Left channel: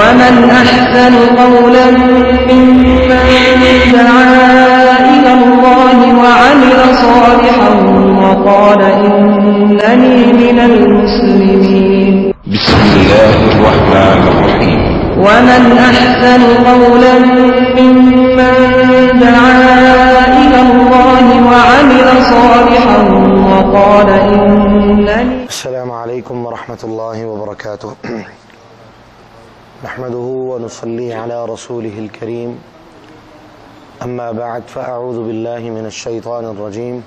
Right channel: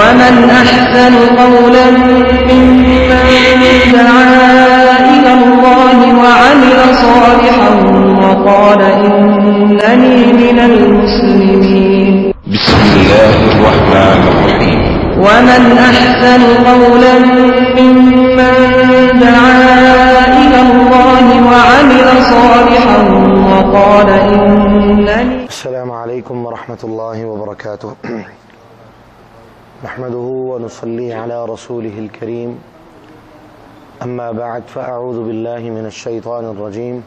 ومن أحسن قولا ممن دعا إلى الله وعمل صالحا وقال إنني من المسلمين. بسم الله الرحمن الرحيم. ومن أحسن قولا ممن دعا إلى الله وعمل صالحا وقال إنني. السلام عليكم ورحمة الله وبركاته. نحمده ونصلي على رسوله الكريم. أما بعد فأعوذ بالله من الشيطان الرجيم.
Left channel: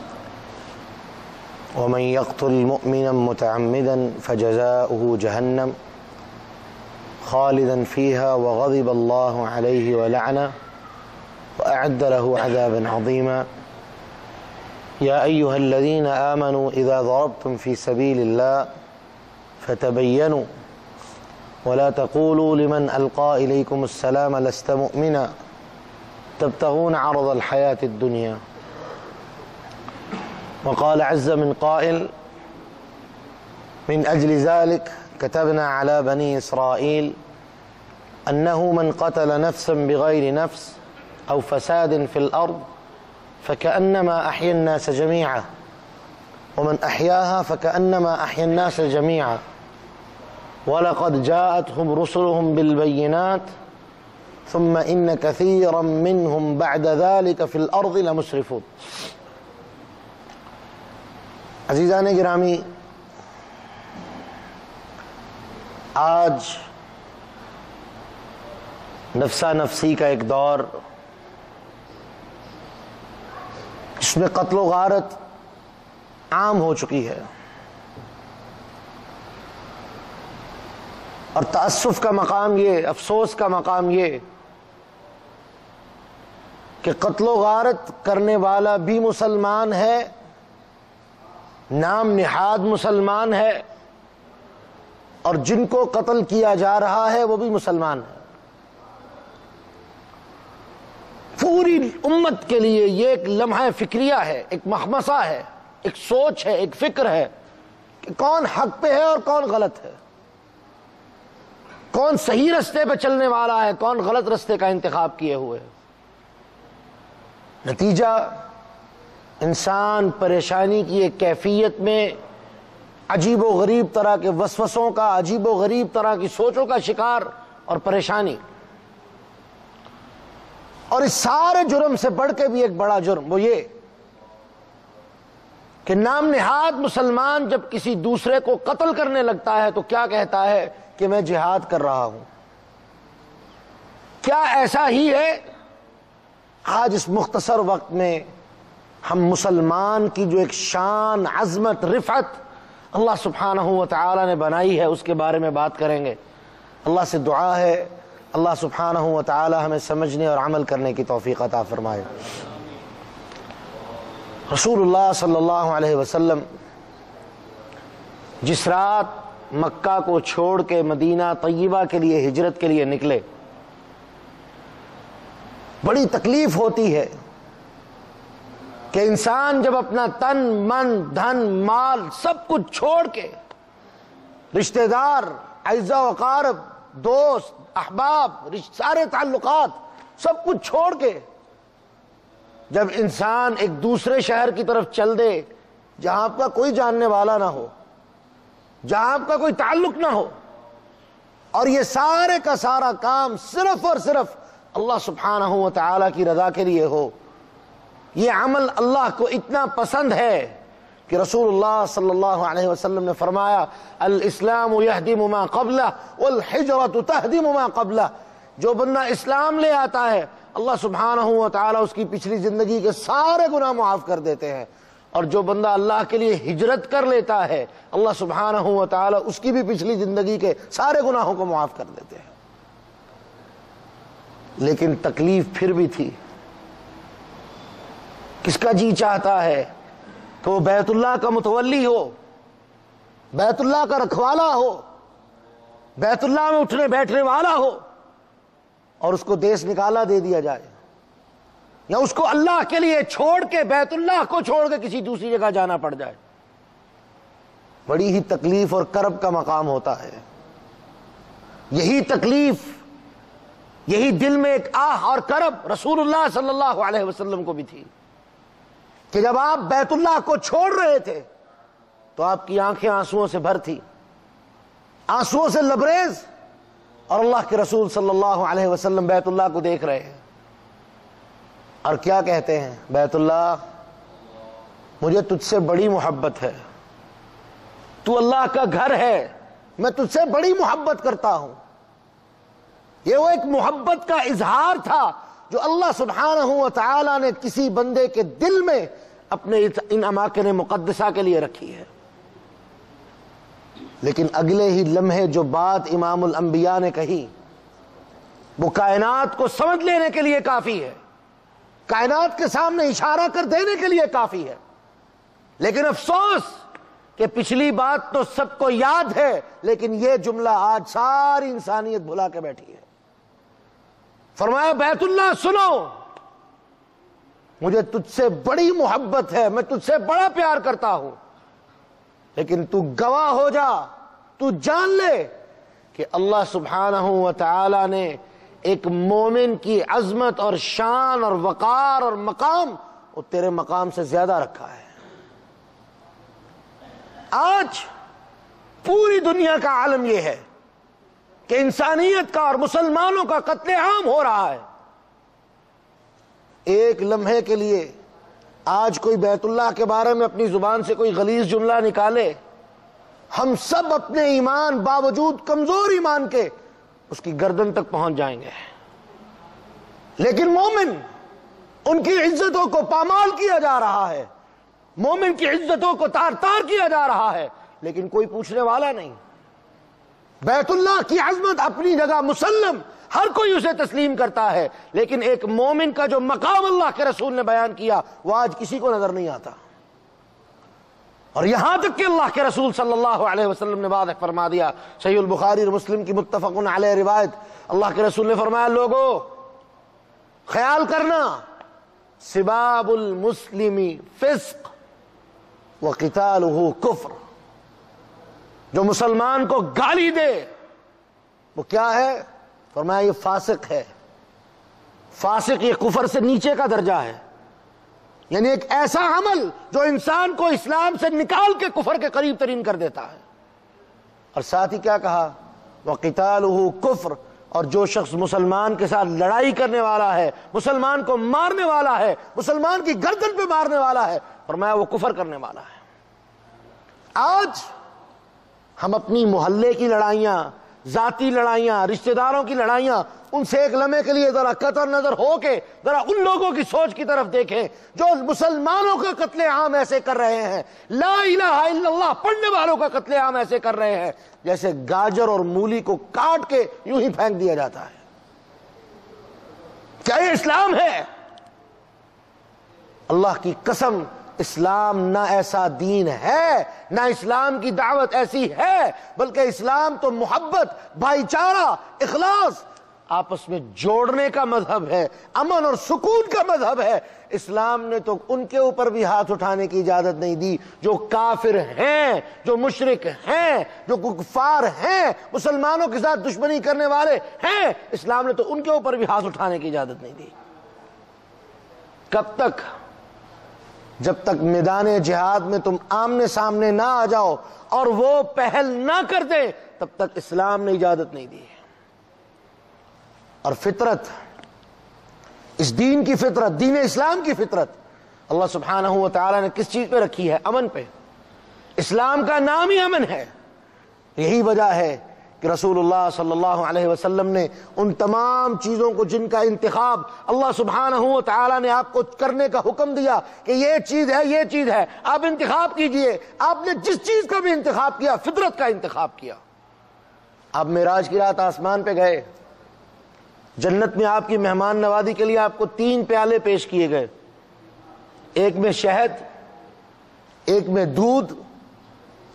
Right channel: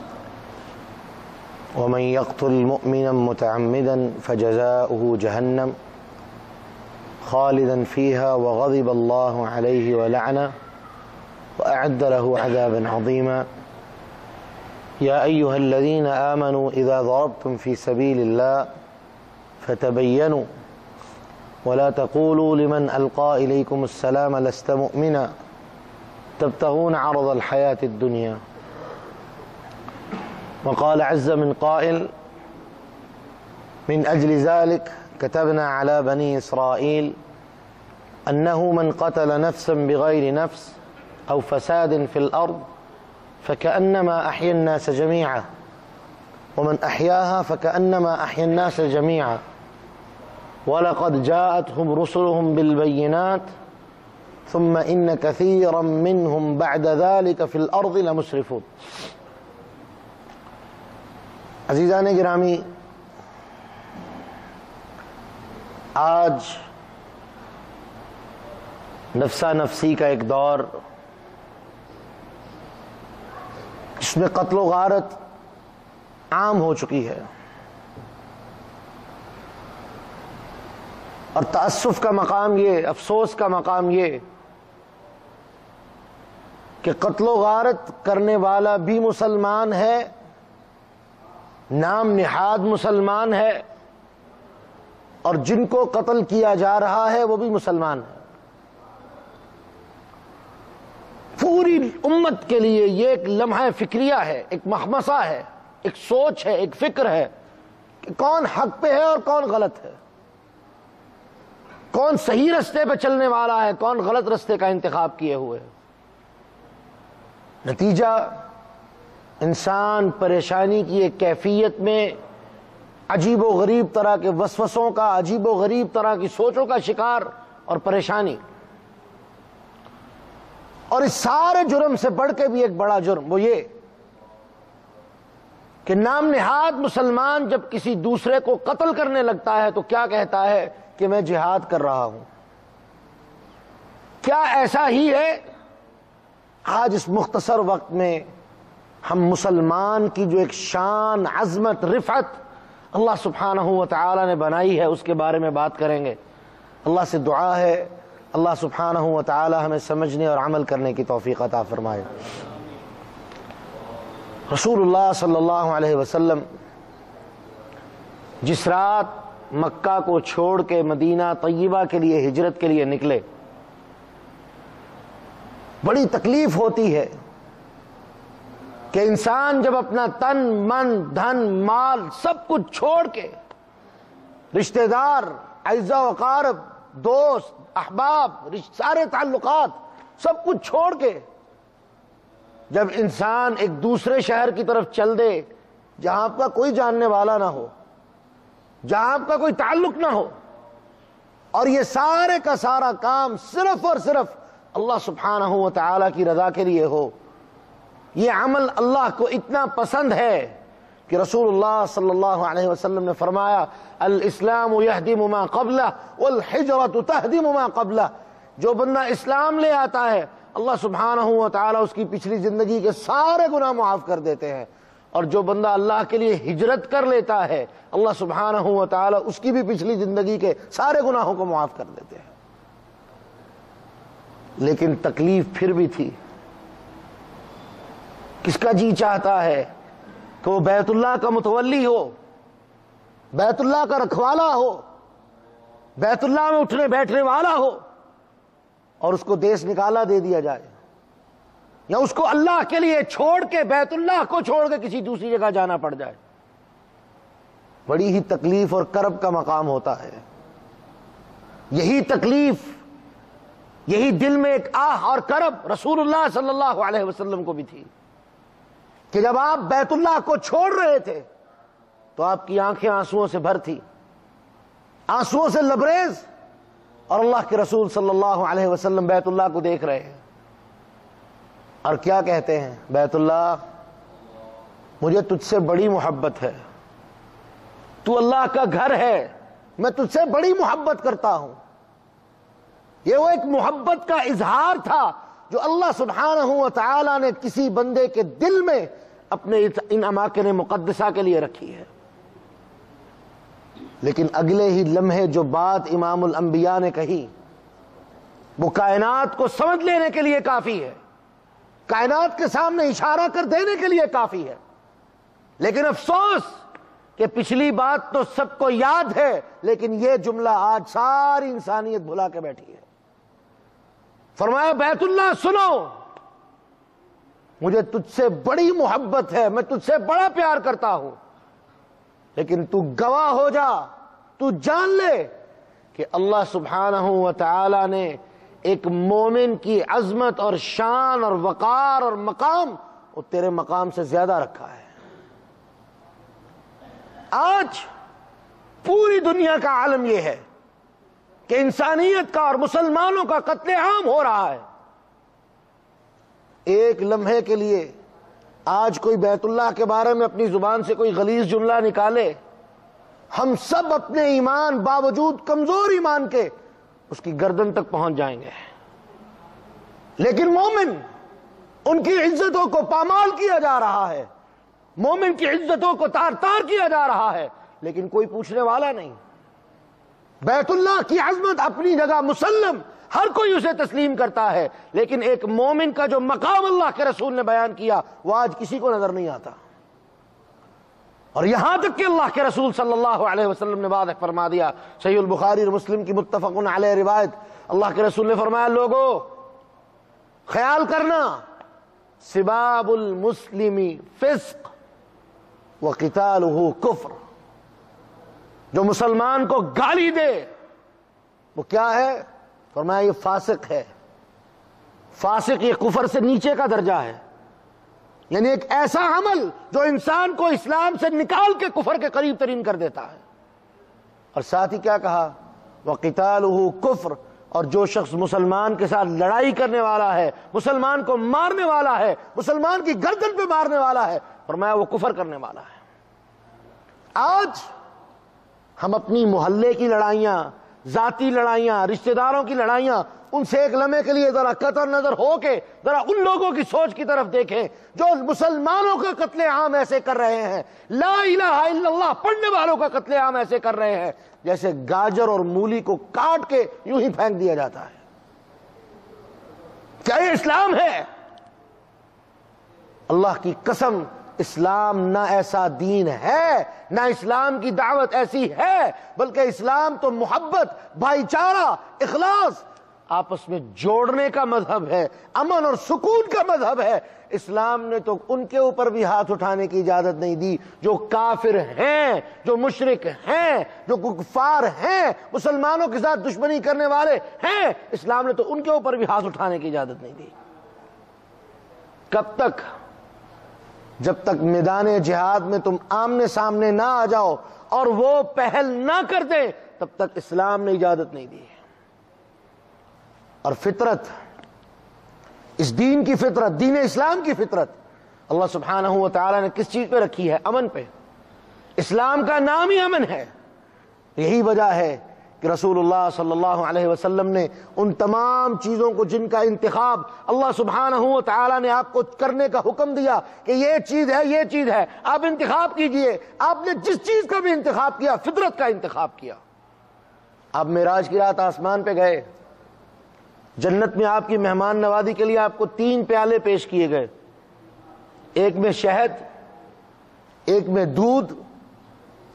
ومن يقتل مؤمنا متعمدا فجزاؤه جهنم خالدا فيها وغضب الله عليه ولعنه وأعد له عذابا عظيما. يا أيها الذين آمنوا إذا ضربتم في سبيل الله فتبينوا ولا تقولوا لمن ألقى إليكم السلام لست مؤمنا تبتغون عرض الحياة الدنيا. وقال عز من قائل من أجل ذلك كتبنا على بني إسرائيل أنه من قتل نفسا بغير نفس أو فساد في الأرض فكأنما أحيا الناس جميعا ومن أحياها فكأنما أحيا الناس جميعا ولقد جاءتهم رسلهم بالبينات ثم إن كثيرا منهم بعد ذلك في الأرض لمسرفون. عزیزان گرامی، آج نفسا نفسی کا ایک دور، اس میں قتل و غارت عام ہو چکی ہے، اور تأسف کا مقام یہ، افسوس کا مقام یہ کہ قتل و غارت کرنے والا بھی مسلمان ہے، نام نہاد مسلمان ہے، اور جن کو قتل کیا جا رہا ہے وہ بھی مسلمان ہے۔ پوری امت کے لیے یہ ایک لمحہ فکریہ ہے، ایک مخمصہ ہے، ایک سوچ ہے، ایک فکر ہے کہ کون حق پہ ہے اور کون غلط ہے، کون صحیح رستے پہ چلنے والا ہے، کون غلط رستے کا انتخاب کیے ہوئے ہے۔ نتیجہ انسان پریشانی کی ایک کیفیت میں عجیب و غریب طرح کے وسوسوں کا، عجیب و غریب طرح کی سوچوں کا شکار اور پریشانی، اور اس سارے جرم سے بڑھ کے بھی ایک بڑا جرم وہ یہ کہ نام نہاد مسلمان جب کسی دوسرے کو قتل کرنے لگتا ہے تو کیا کہتا ہے کہ میں جہاد کر رہا ہوں۔ کیا ایسا ہی ہے؟ آج اس مختصر وقت میں ہم مسلمان کی جو ایک شان، عظمت، رفعت اللہ سبحانہ و تعالی نے بنائی ہے اس کے بارے میں بات کریں گے۔ اللہ سے دعا ہے اللہ سبحانہ و تعالی ہمیں سمجھنے اور عمل کرنے کی توفیق عطا فرمائے۔ رسول اللہ صلی اللہ علیہ وسلم جس رات مکہ کو چھوڑ کے مدینہ طیبہ کے لیے ہجرت کے لیے نکلے، بڑی تکلیف ہوتی ہے کہ انسان جب اپنا تن، من، دھن، مال سب کچھ چھوڑ کے، رشتہ دار، اعزاء و اقارب، دوست، احباب، سارے تعلقات سب کچھ چھوڑ کے جب انسان ایک دوسرے شہر کی طرف چل دے جہاں آپ کا کوئی جاننے والا نہ ہو، جہاں آپ کا کوئی تعلق نہ ہو، اور یہ سارے کا سارا کام صرف اور صرف اللہ سبحانہ و تعالی کی رضا کے لیے ہو، یہ عمل اللہ کو اتنا پسند ہے کہ رسول اللہ صلی اللہ علیہ وسلم نے فرمایا الاسلام یہدم ما قبلہ والحجرۃ تہدم ما قبلہ۔ جو بندہ اسلام لے آتا ہے اللہ سبحانہ و تعالی اس کی پچھلی زندگی کے سارے گناہ معاف کر دیتے ہیں، اور جو بندہ اللہ کے لیے ہجرت کر لیتا ہے اللہ سبحانہ و تعالی اس کی بھی پچھلی زندگی کے سارے گناہوں کو معاف کر دیتے ہیں۔ لیکن تکلیف پھر بھی تھی۔ کس کا جی چاہتا ہے کہ وہ بیت اللہ کا متولی ہو، بیت اللہ کا رکھوالا ہو، بیت اللہ میں اٹھنے بیٹھنے والا ہو، اور اس کو دیس نکالا دے دیا جائے، یا اس کو اللہ کے لیے چھوڑ کے، بیت اللہ کو چھوڑ کے کسی دوسری جگہ جانا پڑ جائے؟ بڑی ہی تکلیف اور کرب کا مقام ہوتا ہے۔ یہی تکلیف یہی دل میں ایک آہ اور کرب رسول اللہ صلی اللہ علیہ وسلم کو بھی تھی کہ جب آپ بیت اللہ کو چھوڑ رہے تھے تو آپ کی آنکھیں آنسوؤں سے بھر تھی، آنسوؤں سے لبریز، اور اللہ کے رسول صلی اللہ علیہ وسلم بیت اللہ کو دیکھ رہے ہیں اور کیا کہتے ہیں؟ بیت اللہ، مجھے تجھ سے بڑی محبت ہے، تو اللہ کا گھر ہے، میں تجھ سے بڑی محبت کرتا ہوں۔ یہ وہ ایک محبت کا اظہار تھا جو اللہ سبحانہ و تعالی نے کسی بندے کے دل میں اپنے ان اماکن مقدسہ کے لیے رکھی ہے۔ لیکن اگلے ہی لمحے جو بات امام الانبیاء نے کہی وہ کائنات کو سمجھ لینے کے لیے کافی ہے، کائنات کے سامنے اشارہ کر دینے کے لیے کافی ہے۔ لیکن افسوس کہ پچھلی بات تو سب کو یاد ہے، لیکن یہ جملہ آج ساری انسانیت بھلا کے بیٹھی ہے۔ فرمایا بیت اللہ سنو، مجھے تجھ سے بڑی محبت ہے، میں تجھ سے بڑا پیار کرتا ہوں، لیکن تو گواہ ہو جا، تو جان لے کہ اللہ سبحانہ و تعالی نے ایک مومن کی عظمت اور شان اور وقار اور مقام وہ تیرے مقام سے زیادہ رکھا ہے۔ آج پوری دنیا کا عالم یہ ہے کہ انسانیت کا اور مسلمانوں کا قتل عام ہو رہا ہے۔ ایک لمحے کے لیے آج کوئی بیت اللہ کے بارے میں اپنی زبان سے کوئی غلیظ جملہ نکالے، ہم سب اپنے ایمان باوجود کمزور ایمان کے اس کی گردن تک پہنچ جائیں گے۔ لیکن مومن، ان کی عزتوں کو پامال کیا جا رہا ہے، مومن کی عزتوں کو تار تار کیا جا رہا ہے، لیکن کوئی پوچھنے والا نہیں۔ بیت اللہ کی عظمت اپنی جگہ مسلم، ہر کوئی اسے تسلیم کرتا ہے، لیکن ایک مومن کا جو مقام اللہ کے رسول نے بیان کیا وہ آج کسی کو نظر نہیں آتا۔ اور یہاں تک کہ اللہ کے رسول صلی اللہ علیہ وسلم نے واضح فرما دیا، صحیح البخاری اور مسلم کی متفق علیہ روایت، اللہ کے رسول نے فرمایا لوگو خیال کرنا، سباب المسلم فسق وقتالہ کفر، جو مسلمان کو گالی دے وہ کیا ہے؟ فرمایا یہ فاسق ہے۔ فاسق یہ کفر سے نیچے کا درجہ ہے، یعنی ایک ایسا عمل جو انسان کو اسلام سے نکال کے کفر کے قریب ترین کر دیتا ہے۔ اور ساتھ ہی کیا کہا؟ وقتالہ کفر، اور جو شخص مسلمان کے ساتھ لڑائی کرنے والا ہے، مسلمان کو مارنے والا ہے، مسلمان کی گردن پہ مارنے والا ہے، فرمایا وہ کفر کرنے والا ہے۔ آج ہم اپنی محلے کی لڑائیاں، ذاتی لڑائیاں، رشتہ داروں کی لڑائیاں، ان سے ایک لمحے کے لیے ذرا قطع نظر ہو کے ذرا ان لوگوں کی سوچ کی طرف دیکھیں جو مسلمانوں کا قتل عام ایسے کر رہے ہیں، لا الہ الا اللہ پڑھنے والوں کا قتل عام ایسے کر رہے ہیں جیسے گاجر اور مولی کو کاٹ کے یوں ہی پھینک دیا جاتا ہے۔ کیا یہ اسلام ہے؟ اللہ کی قسم اسلام نہ ایسا دین ہے، نہ اسلام کی دعوت ایسی ہے، بلکہ اسلام تو محبت، بھائی چارہ، اخلاص، آپس میں جوڑنے کا مذہب ہے، امن اور سکون کا مذہب ہے۔ اسلام نے تو ان کے اوپر بھی ہاتھ اٹھانے کی اجازت نہیں دی جو کافر ہیں، جو مشرک ہیں، جو کفار ہیں، مسلمانوں کے ساتھ دشمنی کرنے والے ہیں، اسلام نے تو ان کے اوپر بھی ہاتھ اٹھانے کی اجازت نہیں دی۔ کب تک؟ جب تک میدان جہاد میں تم آمنے سامنے نہ آ جاؤ اور وہ پہل نہ کر دیں تب تک اسلام نے اجازت نہیں دی۔ اور فطرت، اس دین کی فطرت، دین اسلام کی فطرت اللہ سبحانہ و تعالی نے کس چیز پہ رکھی ہے؟ امن پہ۔ اسلام کا نام ہی امن ہے۔ یہی وجہ ہے کہ رسول اللہ صلی اللہ علیہ وسلم نے ان تمام چیزوں کو جن کا انتخاب اللہ سبحانہ و تعالی نے آپ کو کرنے کا حکم دیا کہ یہ چیز ہے، یہ چیز ہے، آپ انتخاب کیجئے، آپ نے جس چیز کا بھی انتخاب کیا فطرت کا انتخاب کیا۔ آپ معراج کی رات آسمان پہ گئے، جنت میں آپ کی مہمان نوازی کے لیے آپ کو 3 پیالے پیش کیے گئے، ایک میں شہد، ایک میں دودھ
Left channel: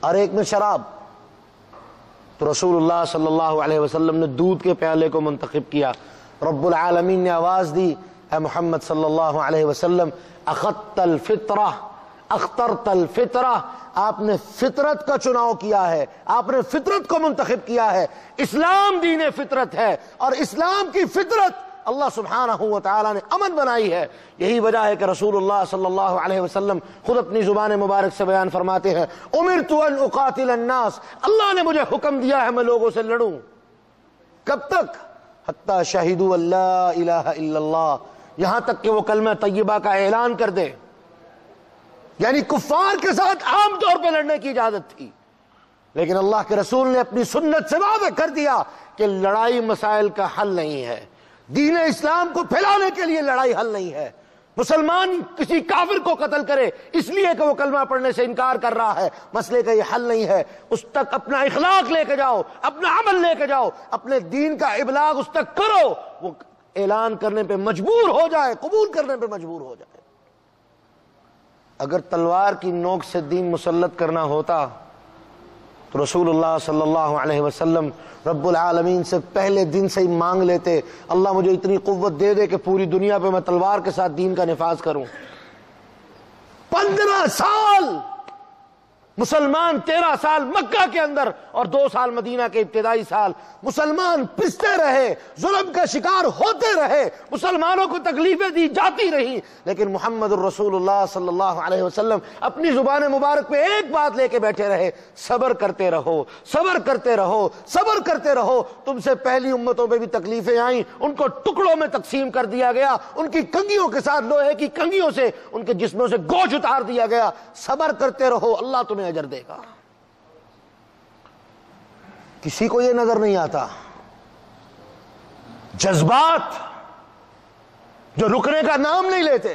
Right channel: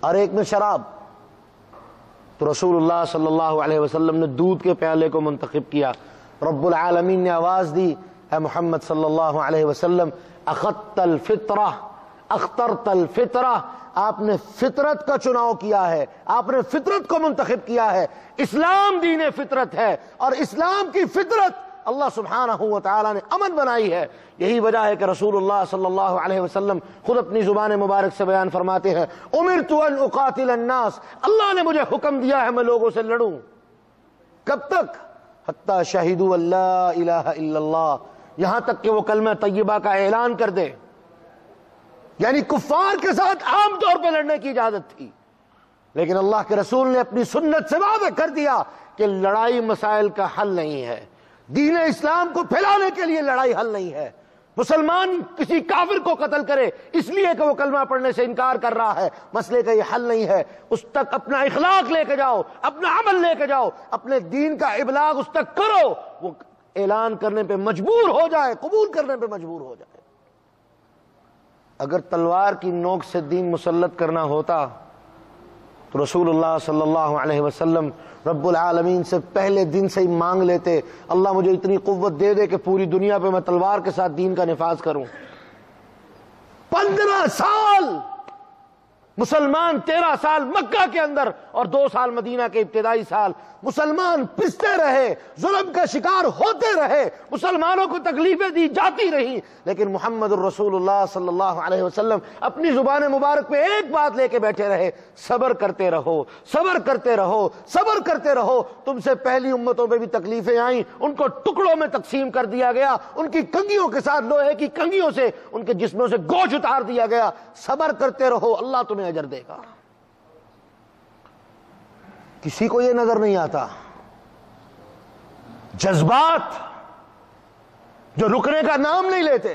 اور ایک میں شراب۔ تو رسول اللہ صلی اللہ علیہ وسلم نے دودھ کے پیالے کو منتخب کیا۔ رب العالمین نے آواز دی، اے محمد صلی اللہ علیہ وسلم اخذت الفطرہ، اخترت الفطرہ، آپ نے فطرت کا چناؤ کیا ہے، آپ نے فطرت کو منتخب کیا ہے۔ اسلام دین فطرت ہے، اور اسلام کی فطرت اللہ سبحانہ و تعالیٰ نے امن بنائی ہے۔ یہی وجہ ہے کہ رسول اللہ صلی اللہ علیہ وسلم خود اپنی زبان مبارک سے بیان فرماتے ہیں، امرت ان اقاتل الناس، اللہ نے مجھے حکم دیا ہے میں لوگوں سے لڑوں۔ کب تک؟ حتی شہدوا لا الہ الا اللہ، یہاں تک کہ وہ کلمہ طیبہ کا اعلان کر دے۔ یعنی کفار کے ساتھ عام طور پہ لڑنے کی اجازت تھی، لیکن اللہ کے رسول نے اپنی سنت سے واضح کر دیا کہ لڑائی مسائل کا حل نہیں ہے، دین اسلام کو پھیلانے کے لیے لڑائی حل نہیں ہے۔ مسلمان کسی کافر کو قتل کرے اس لیے کہ وہ کلمہ پڑھنے سے انکار کر رہا ہے، مسئلے کا یہ حل نہیں ہے۔ اس تک اپنا اخلاق لے کے جاؤ، اپنا عمل لے کے جاؤ، اپنے دین کا ابلاغ اس تک کرو، وہ اعلان کرنے پہ مجبور ہو جائے، قبول کرنے پہ مجبور ہو جائے۔ اگر تلوار کی نوک سے دین مسلط کرنا ہوتا تو رسول اللہ صلی اللہ علیہ وسلم رب العالمین سے پہلے دن سے ہی مانگ لیتے، اللہ مجھے اتنی قوت دے دے کہ پوری دنیا پہ میں تلوار کے ساتھ دین کا نفاذ کروں۔ 15 سال مسلمان، 13 سال مکہ کے اندر اور 2 سال مدینہ کے ابتدائی سال، مسلمان پستے رہے، ظلم کا شکار ہوتے رہے، مسلمانوں کو تکلیفیں دی جاتی رہی، لیکن محمد الرسول اللہ صلی اللہ علیہ وسلم اپنی زبان مبارک پہ ایک بات لے کے بیٹھے رہے، صبر کرتے رہو، صبر کرتے رہو، صبر کرتے رہو۔ تم سے پہلی امتوں پہ بھی تکلیفیں آئیں، ان کو ٹکڑوں میں تقسیم کر دیا گیا، ان کی کنگھیوں کے ساتھ لوہے کی کنگھیوں سے ان کے جسموں سے گوشت اتار دیا گیا۔ صبر کرتے رہو، اللہ تمہیں اجر دے گا۔ کسی کو یہ نظر نہیں آتا، جذبات جو رکنے کا نام نہیں لیتے،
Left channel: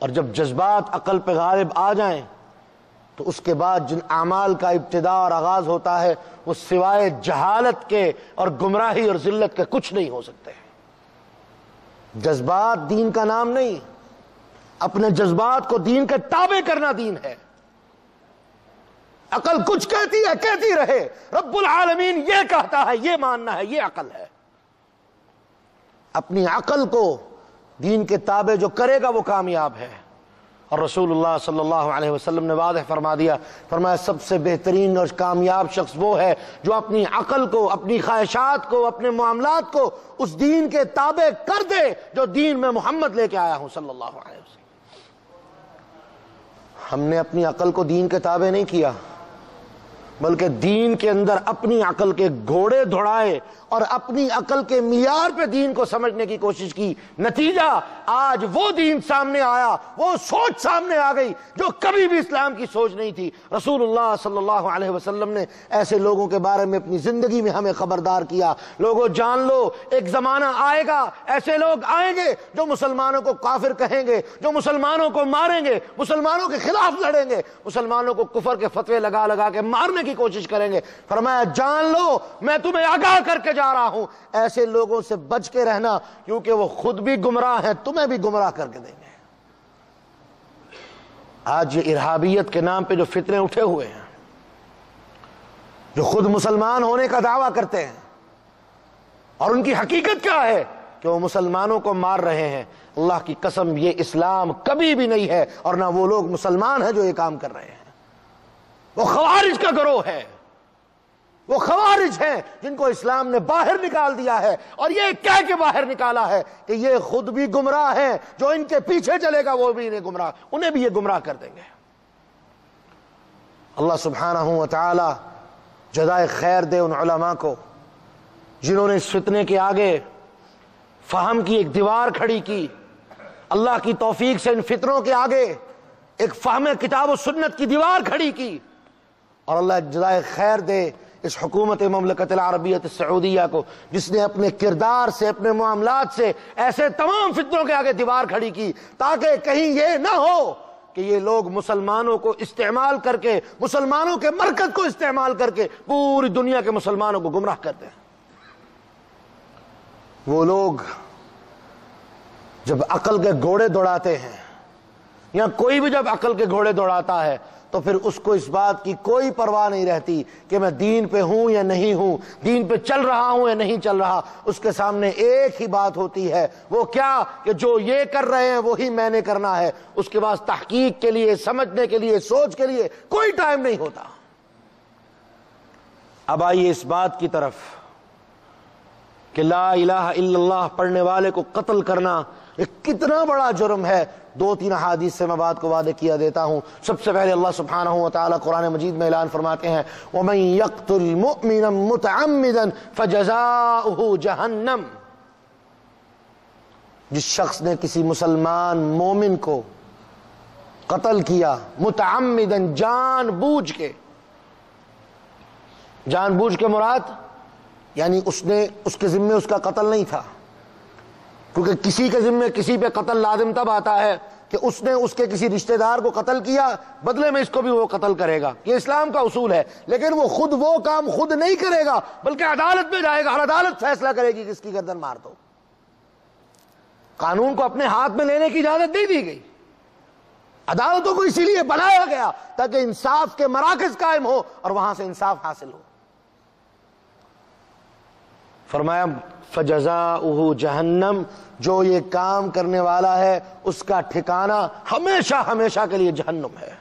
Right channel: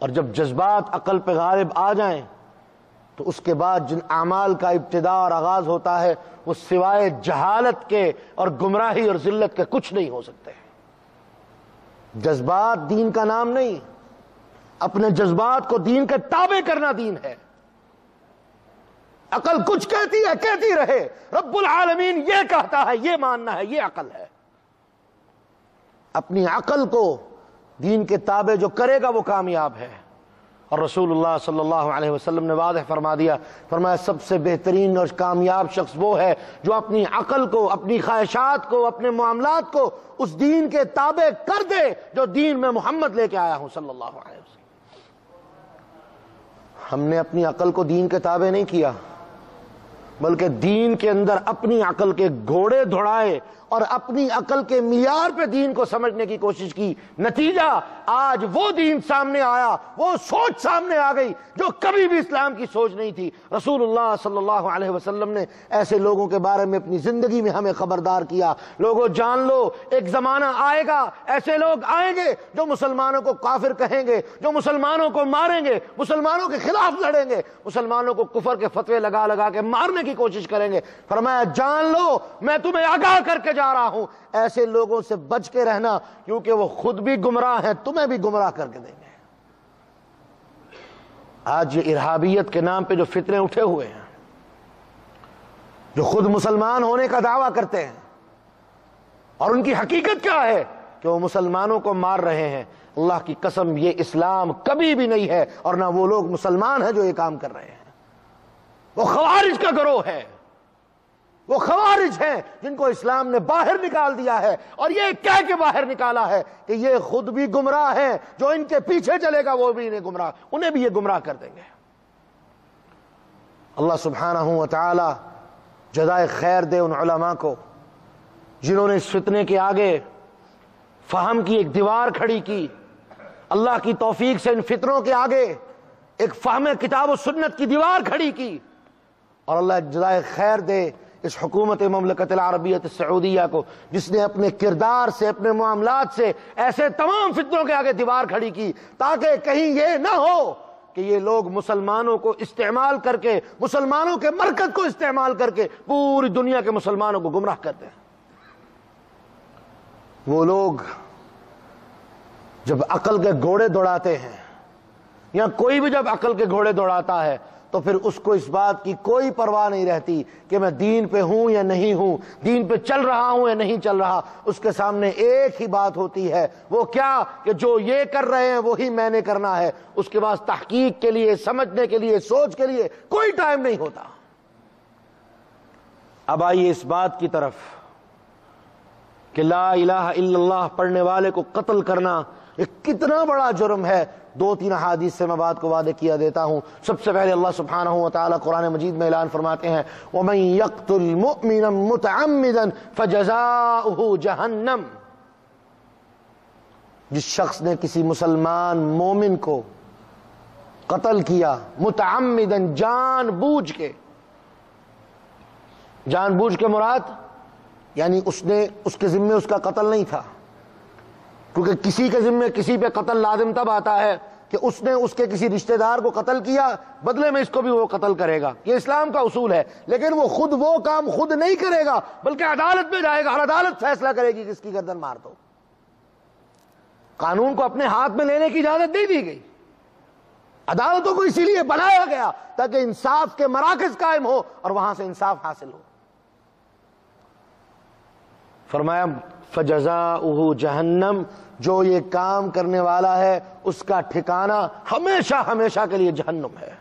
اور جب جذبات عقل پہ غالب آ جائیں تو اس کے بعد جن اعمال کا ابتدا اور آغاز ہوتا ہے وہ سوائے جہالت کے اور گمراہی اور ذلت کے کچھ نہیں ہو سکتے۔ جذبات دین کا نام نہیں، اپنے جذبات کو دین کے تابع کرنا دین ہے۔ عقل کچھ کہتی ہے، کہتی رہے، رب العالمین یہ کہتا ہے، یہ ماننا ہے، یہ عقل ہے۔ اپنی عقل کو دین کے تابع جو کرے گا وہ کامیاب ہے۔ اور رسول اللہ صلی اللہ علیہ وسلم نے واضح فرما دیا، فرمایا سب سے بہترین اور کامیاب شخص وہ ہے جو اپنی عقل کو، اپنی خواہشات کو، اپنے معاملات کو اس دین کے تابع کر دے جو دین میں محمد لے کے آیا ہوں صلی اللہ علیہ وسلم۔ ہم نے اپنی عقل کو دین کے تابع نہیں کیا، بلکہ دین کے اندر اپنی عقل کے گھوڑے دوڑائے اور اپنی عقل کے معیار پہ دین کو سمجھنے کی کوشش کی۔ نتیجہ آج وہ دین سامنے آیا، وہ سوچ سامنے آ گئی جو کبھی بھی اسلام کی سوچ نہیں تھی۔ رسول اللہ صلی اللہ علیہ وسلم نے ایسے لوگوں کے بارے میں اپنی زندگی میں ہمیں خبردار کیا، لوگوں جان لو ایک زمانہ آئے گا، ایسے لوگ آئیں گے جو مسلمانوں کو کافر کہیں گے، جو مسلمانوں کو ماریں گے، مسلمانوں کے خلاف لڑیں گے، مسلمانوں کو کفر کے فتوے لگا لگا کے مارنے کی کوشش کریں گے۔ فرمایا جان لو میں تمہیں آگاہ کر کے جا رہا ہوں، ایسے لوگوں سے بچ کے رہنا، کیونکہ وہ خود بھی گمراہ ہیں، تمہیں بھی گمراہ کر کے دیں گے۔ آج یہ ارہابیت کے نام پہ جو فتنے اٹھے ہوئے ہیں، جو خود مسلمان ہونے کا دعویٰ کرتے ہیں، اور ان کی حقیقت کیا ہے کہ وہ مسلمانوں کو مار رہے ہیں، اللہ کی قسم یہ اسلام کبھی بھی نہیں ہے، اور نہ وہ لوگ مسلمان ہیں جو یہ کام کر رہے ہیں۔ وہ خوارج کا گروہ ہے، وہ خوارج ہیں جن کو اسلام نے باہر نکال دیا ہے، اور یہ کہہ کے باہر نکالا ہے کہ یہ خود بھی گمراہ ہیں، جو ان کے پیچھے چلے گا وہ بھی انہیں بھی یہ گمراہ کر دیں گے۔ اللہ سبحانہ و تعالی جزائے خیر دے ان علماء کو جنہوں نے اس فتنے کے آگے فہم کی ایک دیوار کھڑی کی، اللہ کی توفیق سے ان فتنوں کے آگے ایک فہم کتاب و سنت کی دیوار کھڑی کی، اور اللہ جزائے خیر دے اس حکومت مملکت العربیت السعودیہ کو جس نے اپنے کردار سے، اپنے معاملات سے ایسے تمام فتنوں کے آگے دیوار کھڑی کی، تاکہ کہیں یہ نہ ہو کہ یہ لوگ مسلمانوں کو استعمال کر کے، مسلمانوں کے مرکز کو استعمال کر کے پوری دنیا کے مسلمانوں کو گمراہ کرتے ہیں۔ وہ لوگ جب عقل کے گھوڑے دوڑاتے ہیں، یا کوئی بھی جب عقل کے گھوڑے دوڑاتا ہے تو پھر اس کو اس بات کی کوئی پرواہ نہیں رہتی کہ میں دین پہ ہوں یا نہیں ہوں، دین پہ چل رہا ہوں یا نہیں چل رہا۔ اس کے سامنے ایک ہی بات ہوتی ہے، وہ کیا کہ جو یہ کر رہے ہیں وہی میں نے کرنا ہے۔ اس کے بعد تحقیق کے لیے، سمجھنے کے لیے، سوچ کے لیے کوئی ٹائم نہیں ہوتا۔ اب آئیے اس بات کی طرف کہ لا الہ الا اللہ پڑھنے والے کو قتل کرنا ایک کتنا بڑا جرم ہے۔ 2-3 احادیث سے میں بات کو واضح کیا دیتا ہوں۔ سب سے پہلے اللہ سبحانہ وتعالی قرآن مجید میں اعلان فرماتے ہیں وَمَن يَقْتُلْ مُؤْمِنًا مُتَعَمِّدًا فَجَزَاؤُهُ جَهَنَّمُ، جس شخص نے کسی مسلمان مومن کو قتل کیا متعمدًا، جان بوجھ کے، جان بوجھ کے مراد یعنی اس کے ذمے اس کا قتل نہیں تھا، کیونکہ کسی کے ذمے کسی پہ قتل لازم تب آتا ہے کہ اس نے اس کے کسی رشتہ دار کو قتل کیا، بدلے میں اس کو بھی وہ قتل کرے گا، یہ اسلام کا اصول ہے۔ لیکن وہ خود وہ کام خود نہیں کرے گا بلکہ عدالت میں جائے گا، ہر عدالت فیصلہ کرے گی کہ اس کی گردن مار دو۔ قانون کو اپنے ہاتھ میں لینے کی اجازت نہیں دی گئی، عدالتوں کو اسی لیے بنایا گیا تاکہ انصاف کے مراکز قائم ہو اور وہاں سے انصاف حاصل ہو۔ فرمایا فجزاؤہ جہنم، جو یہ کام کرنے والا ہے اس کا ٹھکانہ ہمیشہ ہمیشہ کے لیے جہنم ہے۔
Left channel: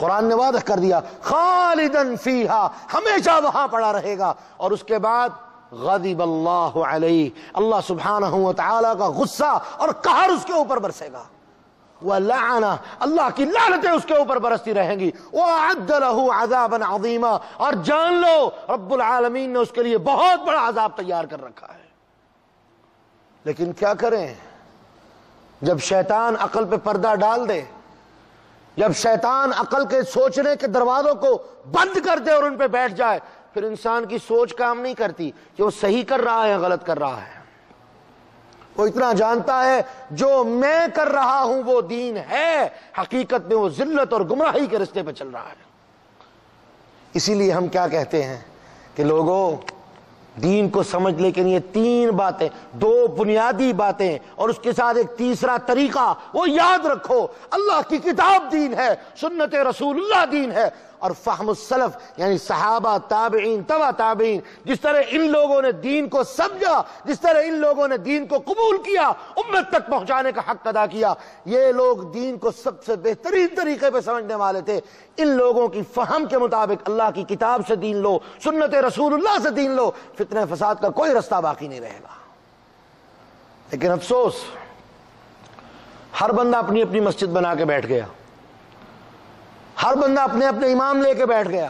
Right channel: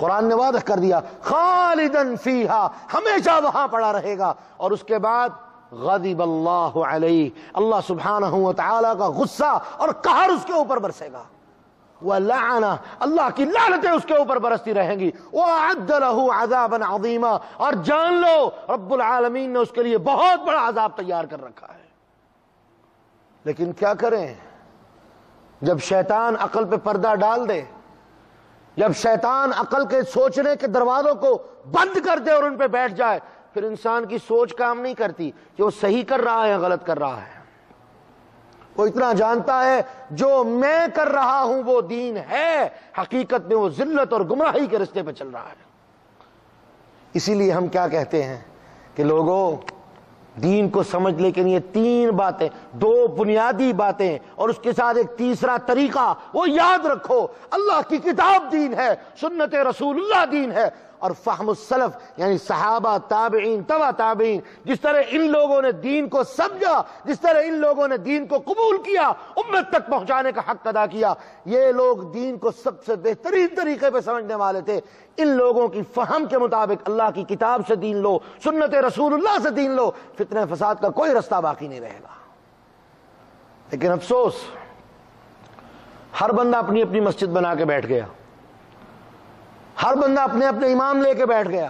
قرآن نے واضح کر دیا خالدن فیہا، ہمیشہ وہاں پڑا رہے گا۔ اور اس کے بعد غضب اللہ علیہ، اللہ سبحانہ وتعالی کا غصہ اور قہر اس کے اوپر برسے گا، وَلَعَنَ، اللہ کی لعنتیں اس کے اوپر برستی رہیں گی، وَأَعَدَّ لَهُ عَذَابًا عَظِيمًا، اور جان لو رب العالمین نے اس کے لیے بہت بڑا عذاب تیار کر رکھا ہے۔ لیکن کیا کریں جب شیطان عقل پہ پردہ ڈال دے، جب شیطان عقل کے سوچنے کے دروازوں کو بند کر دے اور ان پہ بیٹھ جائے، پھر انسان کی سوچ کام نہیں کرتی کہ وہ صحیح کر رہا ہے یا غلط کر رہا ہے۔ وہ اتنا جانتا ہے جو میں کر رہا ہوں وہ دین ہے، حقیقت میں وہ ذلت اور گمراہی کے رستے پہ چل رہا ہے۔ اسی لیے ہم کیا کہتے ہیں کہ لوگوں دین کو سمجھ، لیکن یہ 3 باتیں، 2 بنیادی باتیں اور اس کے ساتھ ایک تیسرا طریقہ وہ یاد رکھو۔ اللہ کی کتاب دین ہے، سنت رسول اللہ دین ہے، اور فہم السلف یعنی صحابہ، تابعین، تبع تابعین، جس طرح ان لوگوں نے دین کو سمجھا، جس طرح ان لوگوں نے دین کو قبول کیا، امت تک پہنچانے کا حق ادا کیا، یہ لوگ دین کو سب سے بہترین طریقے پہ سمجھنے والے تھے۔ ان لوگوں کی فہم کے مطابق اللہ کی کتاب سے دین لو، سنت رسول اللہ سے دین لو، فتنہ فساد کا کوئی رستہ باقی نہیں رہے گا۔ لیکن افسوس، ہر بندہ اپنی اپنی مسجد بنا کے بیٹھ گیا، ہر بندہ اپنے اپنے امام لے کے بیٹھ گیا۔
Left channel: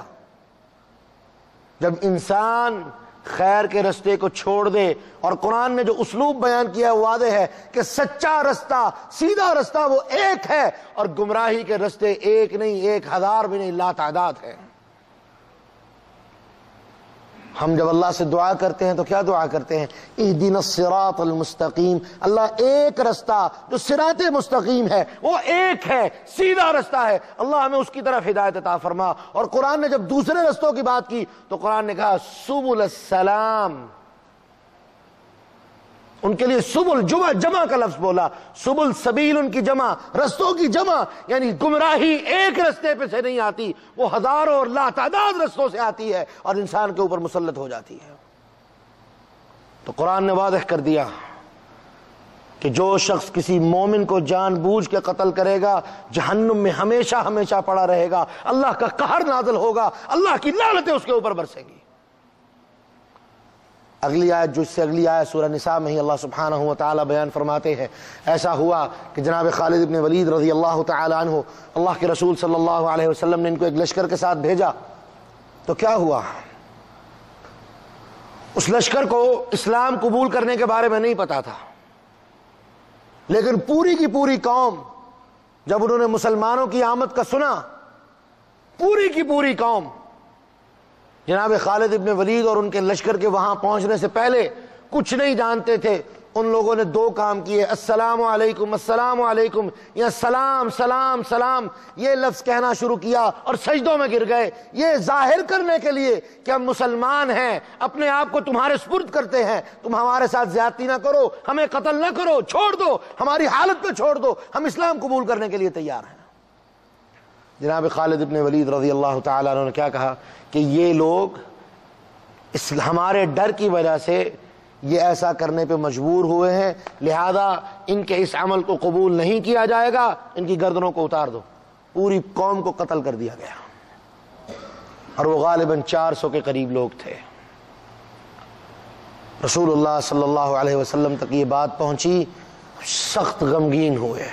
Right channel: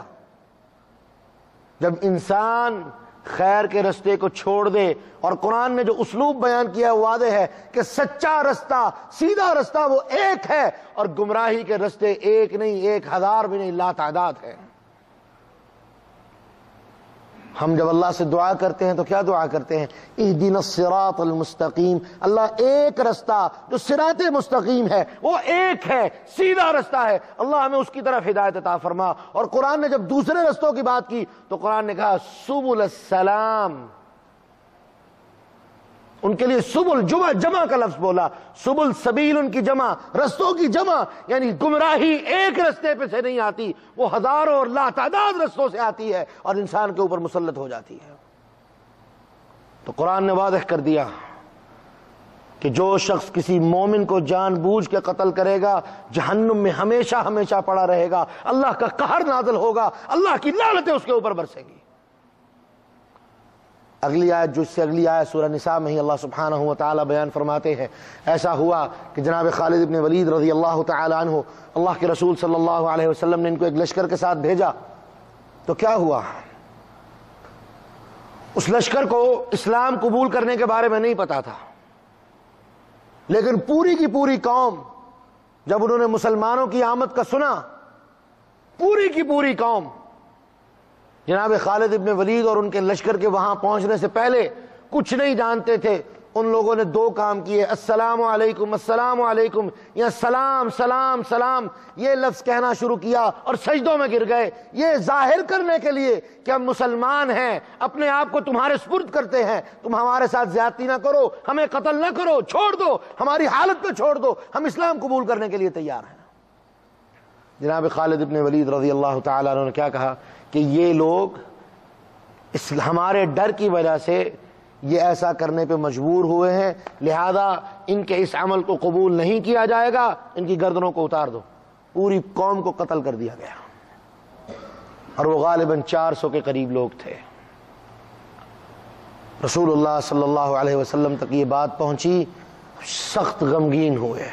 جب انسان خیر کے رستے کو چھوڑ دے، اور قرآن نے جو اسلوب بیان کیا ہے واضح ہے کہ سچا رستہ، سیدھا رستہ وہ ایک ہے، اور گمراہی کے رستے ایک نہیں، 1000 بھی نہیں، لا تعداد ہے۔ ہم جب اللہ سے دعا کرتے ہیں تو کیا دعا کرتے ہیں؟ اہدنا الصراط المستقیم، اللہ ایک رستہ جو صراط مستقیم ہے وہ ایک ہے، سیدھا رستہ ہے، اللہ ہمیں اس کی طرف ہدایت عطا فرما۔ اور قرآن نے جب دوسرے رستوں کی بات کی تو قرآن نے کہا سبل السلام، ان کے لیے سبل جمع کا لفظ بولا، سبل سبیل ان کی جمع، رستوں کی جمع، یعنی گمراہی ایک رستے پہ سے نہیں آتی، وہ ہزاروں اور لا تعداد رستوں سے آتی ہے اور انسان کے اوپر مسلط ہو جاتی ہے۔ تو قرآن نے واضح کر دیا کہ جو شخص کسی مومن کو جان بوجھ کے قتل کرے گا جہنم میں ہمیشہ ہمیشہ پڑا رہے گا، اللہ کا قہر نازل ہوگا، اللہ کی لعنتیں اس کے اوپر برسیں گی۔ اگلی آیت، جو اس سے اگلی آیت سورہ نساء میں ہی اللہ سبحانہ و تعالی بیان فرماتے ہیں، ایسا ہوا کہ جناب خالد ابن ولید رضی اللہ تعالی عنہ، اللہ کے رسول صلی اللہ علیہ وسلم نے ان کو ایک لشکر کے ساتھ بھیجا، تو کیا ہوا؟ اس لشکر کو اسلام قبول کرنے کے بارے میں نہیں پتا تھا، لیکن پوری کی پوری قوم جب انہوں نے مسلمانوں کی آمد کا سنا، پوری کی پوری قوم جناب خالد ابن ولید اور ان کے لشکر کے وہاں پہنچنے سے پہلے کچھ نہیں جانتے تھے، ان لوگوں نے 2 کام کیے، السلام علیکم السلام علیکم، یا سلام سلام سلام، یہ لفظ کہنا شروع کیا اور سجدوں میں گر گئے، یہ ظاہر کرنے کے لیے کہ ہم مسلمان ہیں، اپنے آپ کو تمہارے سپرد کرتے ہیں، تم ہمارے ساتھ زیادتی نہ کرو، ہمیں قتل نہ کرو، چھوڑ دو، ہماری حالت پہ چھوڑ دو، ہم اسلام قبول کرنے کے لیے تیار ہیں۔ جناب خالد ابن ولید رضی اللہ تعالیٰ عنہ نے کیا کہا کہ یہ لوگ اس ہمارے ڈر کی وجہ سے یہ ایسا کرنے پہ مجبور ہوئے ہیں، لہذا ان کے اس عمل کو قبول نہیں کیا جائے گا، ان کی گردنوں کو اتار دو۔ پوری قوم کو قتل کر دیا گیا، اور وہ غالباً 400 کے قریب لوگ تھے۔ رسول اللہ صلی اللہ علیہ وسلم تک یہ بات پہنچی، سخت غمگین ہوئے،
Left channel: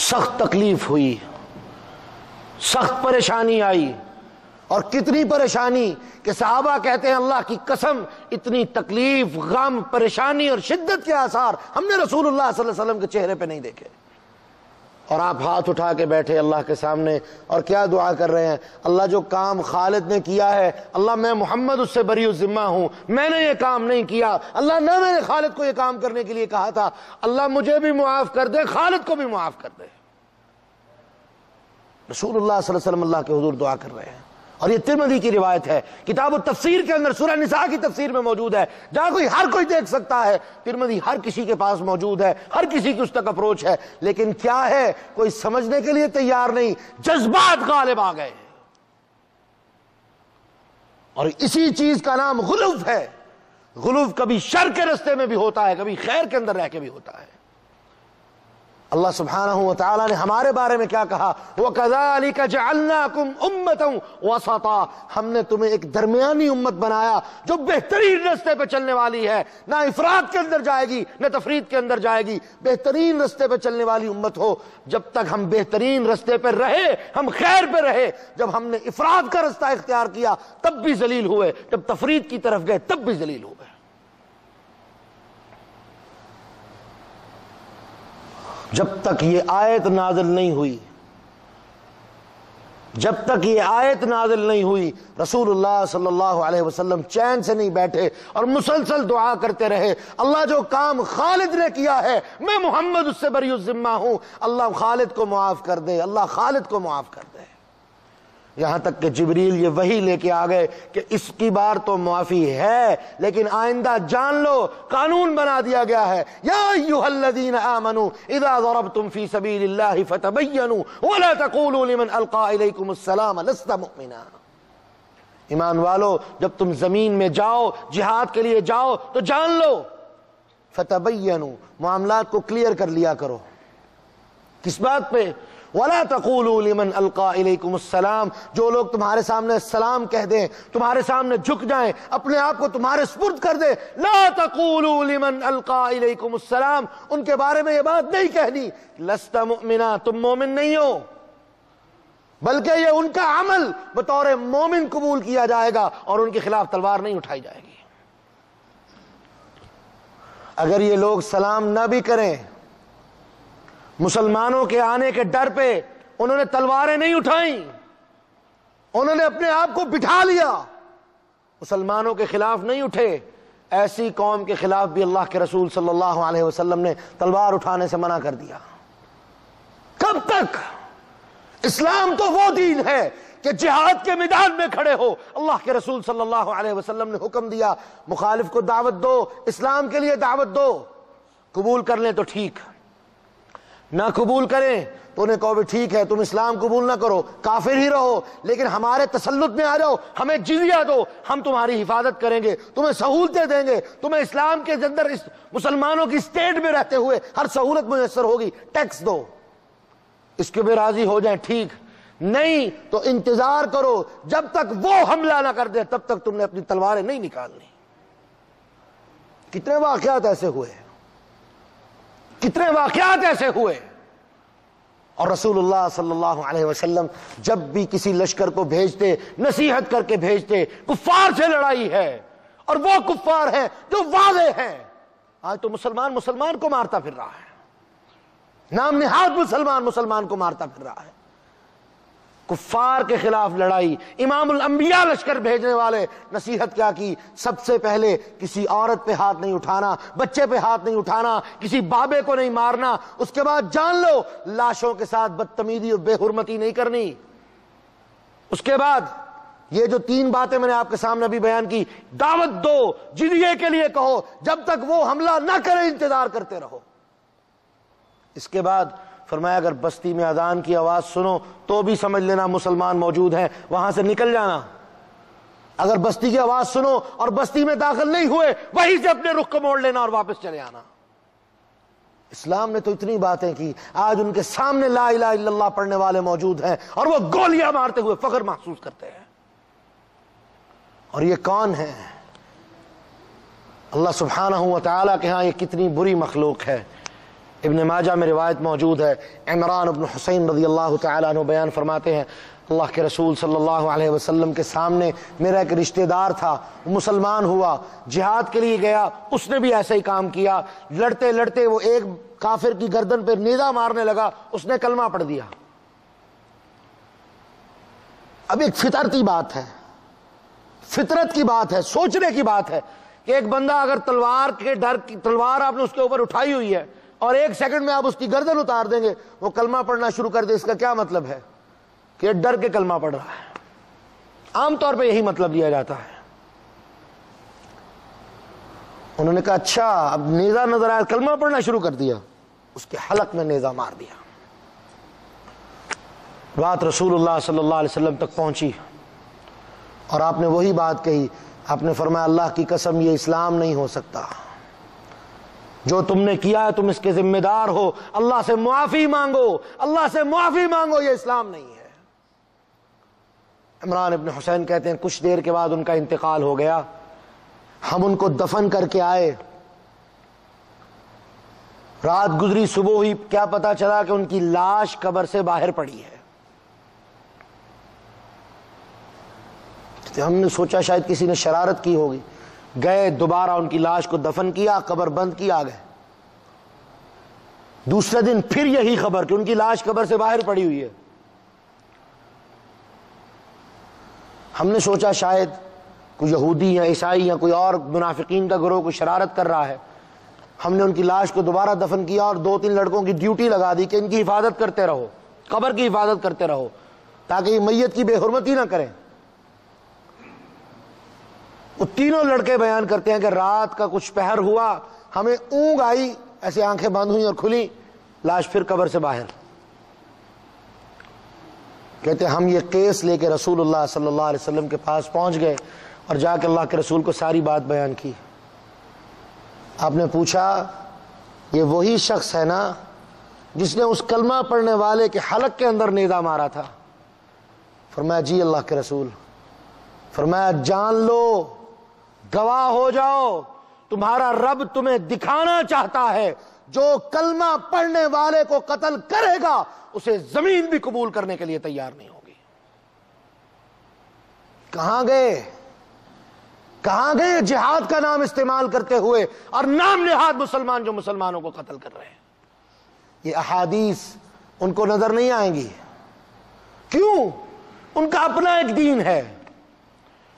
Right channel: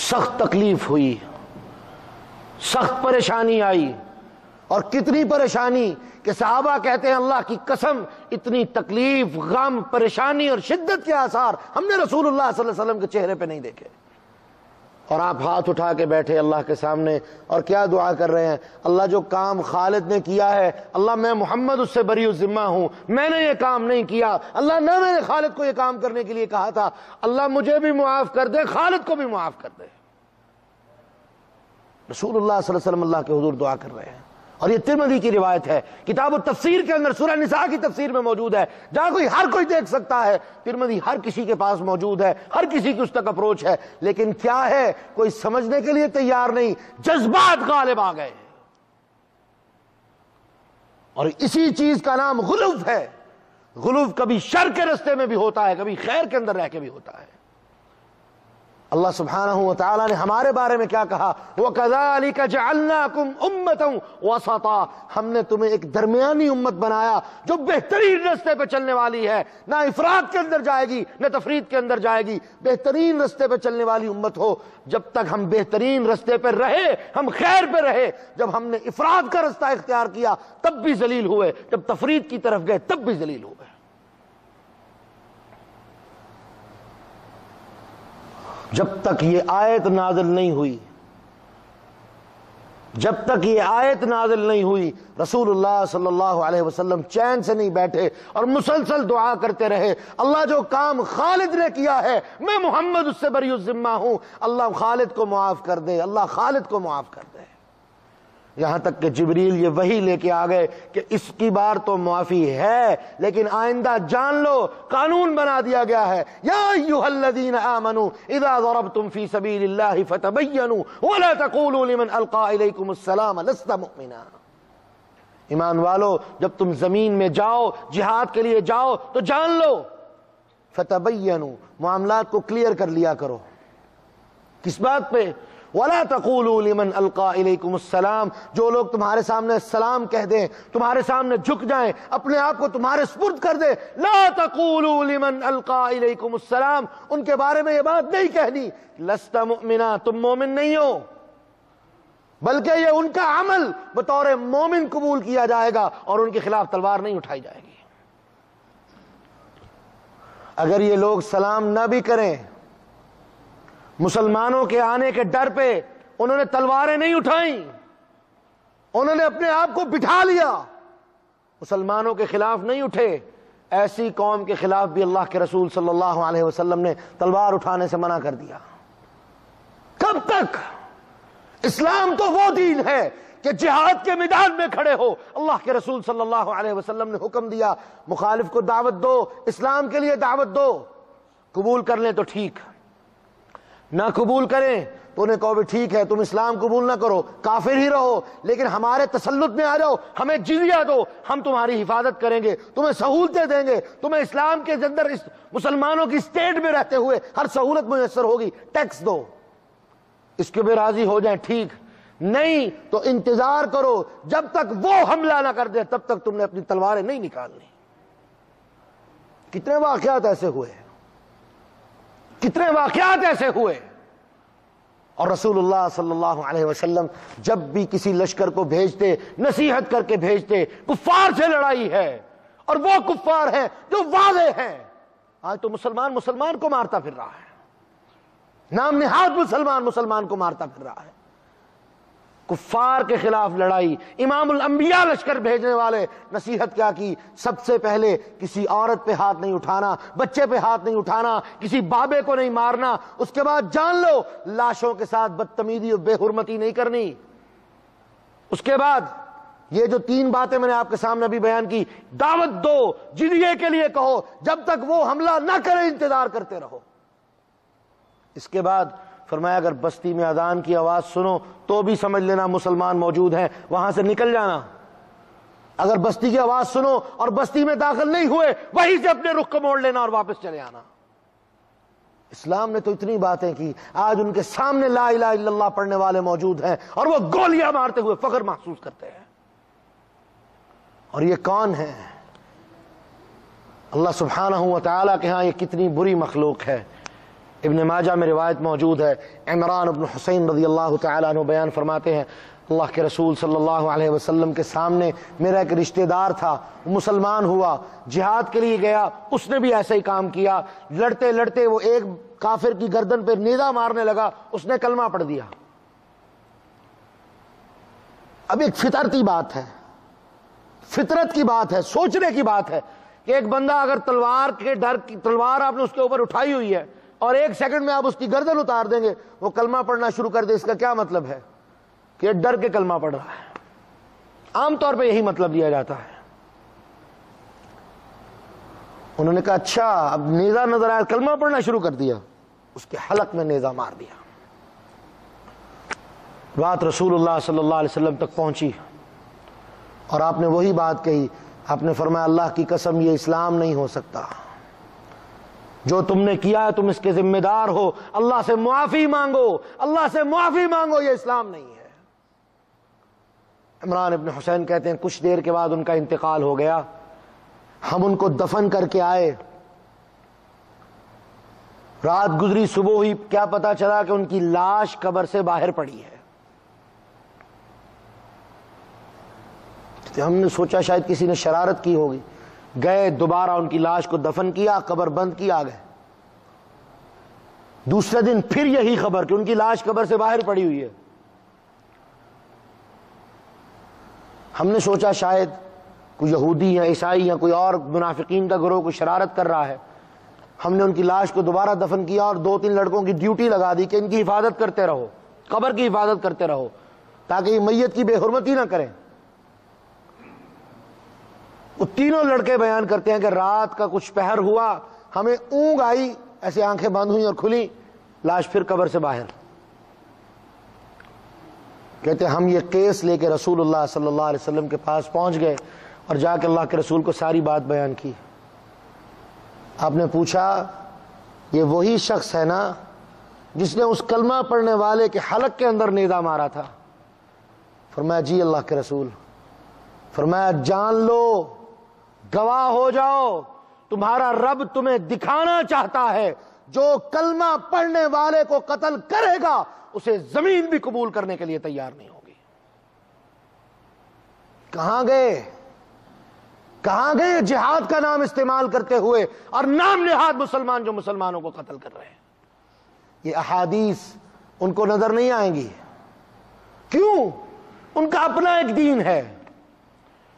سخت تکلیف ہوئی، سخت پریشانی آئی، اور کتنی پریشانی کہ صحابہ کہتے ہیں اللہ کی قسم اتنی تکلیف، غم، پریشانی اور شدت کے آثار ہم نے رسول اللہ صلی اللہ علیہ وسلم کے چہرے پہ نہیں دیکھے۔ اور آپ ہاتھ اٹھا کے بیٹھے اللہ کے سامنے اور کیا دعا کر رہے ہیں، اللہ جو کام خالد نے کیا ہے، اللہ میں محمد اس سے بری الذمہ ہوں، میں نے یہ کام نہیں کیا، اللہ نہ میں نے خالد کو یہ کام کرنے کے لیے کہا تھا، اللہ مجھے بھی معاف کر دے، خالد کو بھی معاف کر دے۔ رسول اللہ صلی اللہ علیہ وسلم اللہ کے حضور دعا کر رہے ہیں، اور یہ ترمذی کی روایت ہے، کتاب التفسیر کے اندر سورہ نساء کی تفسیر میں موجود ہے، جہاں ہر کوئی دیکھ سکتا ہے، ترمذی ہر کسی کے پاس موجود ہے، ہر کسی کی اس تک اپروچ ہے، لیکن کیا ہے کوئی سمجھنے کے لیے تیار نہیں، جذبات غالب آ گئے، اور اسی چیز کا نام غلو ہے۔ غلو کبھی شر کے رستے میں بھی ہوتا ہے، کبھی خیر کے اندر رہ کے بھی ہوتا ہے۔ اللہ سبحانہ و تعالیٰ نے ہمارے بارے میں کیا کہا، وَكَذَلِكَ جَعَلْنَاكُمْ أُمَّةً وَسَطًا، ہم نے تمہیں ایک درمیانی امت بنایا جو بہترین رستے پہ چلنے والی ہے، نہ افراط کے اندر جائے گی نہ تفریط کے اندر جائے گی، بہترین رستے پہ چلنے والی امت ہو۔ جب تک ہم بہترین رستے پہ رہے، ہم خیر پہ رہے، جب ہم نے افراط کا رستہ اختیار کیا تب بھی ذلیل ہوئے، جب تفریط کی طرف گئے تب بھی ذلیل ہوئے۔ جب تک یہ آیت نازل نہیں ہوئی، جب تک یہ آیت نازل نہیں ہوئی، رسول اللہ صلی اللہ علیہ وسلم چین سے نہیں بیٹھے اور مسلسل دعا کرتے رہے، اللہ جو کام خالد نے کیا ہے میں محمد اس سے بری الذمہ ہوں، اللہ خالد کو معاف کر دے، اللہ خالد کو معاف کر دے۔ یہاں تک کہ جبریل یہ وحی لے کے آ گئے کہ اس کی بار تو معافی ہے، لیکن آئندہ جان لو قانون بنا دیا گیا ہے، یا ایھا الذین آمنوا اذا ضربتم فی سبیل اللہ فتبینوا ولا تقولوا لمن القی الیکم السلام لست مؤمنا۔ ایمان والو جب تم زمین میں جاؤ، جہاد کے لیے جاؤ تو جان لو، فتبینوا معاملات کو کلیئر کر لیا کرو۔ کس بات پہ؟ وَلَا تَقُولُوا لِمَنْ أَلْقَى إِلَيْكُمُ السَّلَامَ، جو لوگ تمہارے سامنے سلام کہہ دیں، تمہارے سامنے جھک جائیں، اپنے آپ کو تمہارے سپرد کر دیں، لَا تَقُولُوا لِمَنْ أَلْقَى إِلَيْكُمُ السَّلَامَ، ان کے بارے میں یہ بات نہیں کہنی لَسْتَ مُؤْمِنًا، تم مومن نہیں ہو، بلکہ یہ ان کا عمل بطور مومن قبول کیا جائے گا اور ان کے خلاف تلوار نہیں اٹھائی جائے گی۔ اگر یہ لوگ سلام نہ بھی کریں، مسلمانوں کے آنے کے ڈر پہ انہوں نے تلواریں نہیں اٹھائیں، انہوں نے اپنے آپ کو بٹھا لیا، مسلمانوں کے خلاف نہیں اٹھے، ایسی قوم کے خلاف بھی اللہ کے رسول صلی اللہ علیہ وسلم نے تلوار اٹھانے سے منع کر دیا۔ کب تک؟ اسلام تو وہ دین ہے کہ جہاد کے میدان میں کھڑے ہو، اللہ کے رسول صلی اللہ علیہ وسلم نے حکم دیا مخالف کو دعوت دو، اسلام کے لیے دعوت دو، قبول کر لیں تو ٹھیک، نہ قبول کریں تو انہیں کہو بھی ٹھیک ہے تم اسلام قبول نہ کرو، کافر ہی رہو، لیکن ہمارے تسلط میں آ جاؤ، ہمیں جزیہ دو، ہم تمہاری حفاظت کریں گے، تمہیں سہولتیں دیں گے، تمہیں اسلام کے اندر مسلمانوں کی اسٹیٹ میں رہتے ہوئے ہر سہولت میسر ہوگی، ٹیکس دو، اس کے بھی راضی ہو جائیں ٹھیک، نہیں تو انتظار کرو جب تک وہ حملہ نہ کر دے تب تک تم نے اپنی تلواریں نہیں نکالنی۔ کتنے واقعات ایسے ہوئے، کتنے واقعات ایسے ہوئے، اور رسول اللہ صلی اللہ علیہ وسلم جب بھی کسی لشکر کو بھیجتے نصیحت کر کے بھیجتے، کفار سے لڑائی ہے اور وہ کفار ہیں جو واضح ہیں۔ آج تو مسلمان کو مارتا پھر رہا ہے، نام نہاد مسلمان کو مارتا پھر رہا ہے، کفار کے خلاف لڑائی۔ امام الانبیاء لشکر بھیجنے والے نصیحت کیا کی؟ سب سے پہلے کسی عورت پہ ہاتھ نہیں اٹھانا، بچے پہ ہاتھ نہیں اٹھانا، کسی بابے کو نہیں مارنا، اس کے بعد جان لو لاشوں کے ساتھ بدتمیزی اور بے حرمتی نہیں کرنی، اس کے بعد یہ جو 3 باتیں میں نے آپ کے سامنے ابھی بیان کی، دعوت دو، جزیے کے لیے کہو، جب تک وہ حملہ نہ کرے انتظار کرتے رہو، اس کے بعد فرمایا اگر بستی میں اذان کی آواز سنو تو بھی سمجھ لینا مسلمان موجود ہیں، وہاں سے نکل جانا۔ اگر بستی کی آواز سنو اور بستی میں داخل نہیں ہوئے، وہیں سے اپنے رخ کو موڑ لینا اور واپس چلے آنا۔ اسلام نے تو اتنی باتیں کی، آج ان کے سامنے لا الہ الا اللہ پڑھنے والے موجود ہیں اور وہ گولیاں مارتے ہوئے فخر محسوس کرتے ہیں۔ اور یہ کون ہے؟ اللہ سبحانہ و تعالیٰ کے ہاں یہ کتنی بری مخلوق ہے۔ ابن ماجہ میں روایت موجود ہے، عمران بن حسین رضی اللہ تعالیٰ عنہ بیان فرماتے ہیں، اللہ کے رسول صلی اللہ علیہ وسلم کے سامنے میرا ایک رشتہ دار تھا، مسلمان ہوا، جہاد کے لیے گیا، اس نے بھی ایسا ہی کام کیا، لڑتے لڑتے وہ ایک کافر کی گردن پہ نیزہ مارنے لگا، اس نے کلمہ پڑھ دیا۔ اب ایک فطرتی بات ہے، فطرت کی بات ہے، سوچنے کی بات ہے کہ ایک بندہ اگر تلوار کے ڈر کی تلوار آپ نے اس کے اوپر اٹھائی ہوئی ہے اور ایک سیکنڈ میں آپ اس کی گردن اتار دیں گے، وہ کلمہ پڑھنا شروع کر دے، اس کا کیا مطلب ہے؟ کہ ڈر کے کلمہ پڑھ رہا ہے۔ عام طور پہ یہی مطلب لیا جاتا ہے۔ انہوں نے کہا اچھا اب نیزہ نظر آیا، کلمہ پڑھنا شروع کر دیا، اس کے حلق میں نیزہ مار دیا۔ بات رسول اللہ صلی اللہ علیہ وسلم تک پہنچی اور آپ نے وہی بات کہی، آپ نے فرمایا اللہ کی قسم یہ اسلام نہیں ہو سکتا، جو تم نے کیا ہے تم اس کے ذمہ دار ہو، اللہ سے معافی مانگو، اللہ سے معافی مانگو، یہ اسلام نہیں ہے۔ عمران ابن حسین کہتے ہیں کچھ دیر کے بعد ان کا انتقال ہو گیا، ہم ان کو دفن کر کے آئے، رات گزری، صبح ہوئی، کیا پتا چلا کہ ان کی لاش قبر سے باہر پڑی ہے۔ ہم نے سوچا شاید کسی نے شرارت کی ہوگی، گئے دوبارہ ان کی لاش کو دفن کیا، قبر بند کی، آ گئے۔ دوسرے دن پھر یہی خبر کہ ان کی لاش قبر سے باہر پڑی ہوئی ہے۔ ہم نے سوچا شاید کوئی یہودی یا عیسائی یا کوئی اور منافقین کا گروہ کوئی شرارت کر رہا ہے۔ ہم نے ان کی لاش کو دوبارہ دفن کیا اور 2-3 لڑکوں کی ڈیوٹی لگا دی کہ ان کی حفاظت کرتے رہو، قبر کی حفاظت کرتے رہو تاکہ یہ میت کی بے حرمتی نہ کریں۔ وہ تینوں لڑکے بیان کرتے ہیں کہ رات کا کچھ پہر ہوا، ہمیں اونگ آئی، ایسے آنکھیں بند ہوئیں اور کھلی، لاش پھر قبر سے باہر۔ کہتے ہم یہ کیس لے کے رسول اللہ صلی اللہ علیہ وسلم کے پاس پہنچ گئے اور جا کے اللہ کے رسول کو ساری بات بیان کی۔ آپ نے پوچھا یہ وہی شخص ہے نا جس نے اس کلمہ پڑھنے والے کے حلق کے اندر نیزہ مارا تھا؟ فرمایا جی اللہ کے رسول۔ فرمایا جان لو، گواہ ہو جاؤ، تمہارا رب تمہیں دکھانا چاہتا ہے جو کلمہ پڑھنے والے کو قتل کرے گا اسے زمین بھی قبول کرنے کے لیے تیار نہیں ہوگی۔ کہاں گئے جہاد کا نام استعمال کرتے ہوئے اور نام نہاد مسلمان جو مسلمانوں کو قتل کر رہے ہیں؟ یہ احادیث ان کو نظر نہیں آئیں گی، کیوں؟ ان کا اپنا ایک دین ہے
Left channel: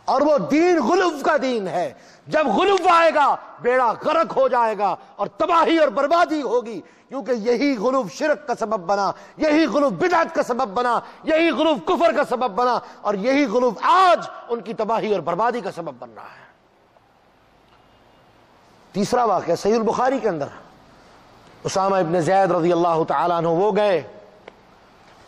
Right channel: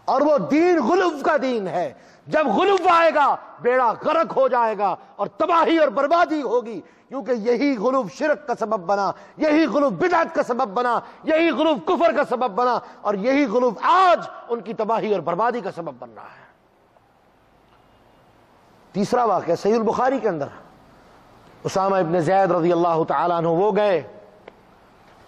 اور وہ دین غلو کا دین ہے۔ جب غلو آئے گا بیڑا غرق ہو جائے گا اور تباہی اور بربادی ہوگی، کیونکہ یہی غلو شرک کا سبب بنا، یہی غلو بدعت کا سبب بنا، یہی غلو کفر کا سبب بنا، اور یہی غلو آج ان کی تباہی اور بربادی کا سبب بن رہا ہے۔ تیسرا واقعہ صحیح البخاری کے اندر، اسامہ ابن زید رضی اللہ تعالیٰ عنہ وہ گئے،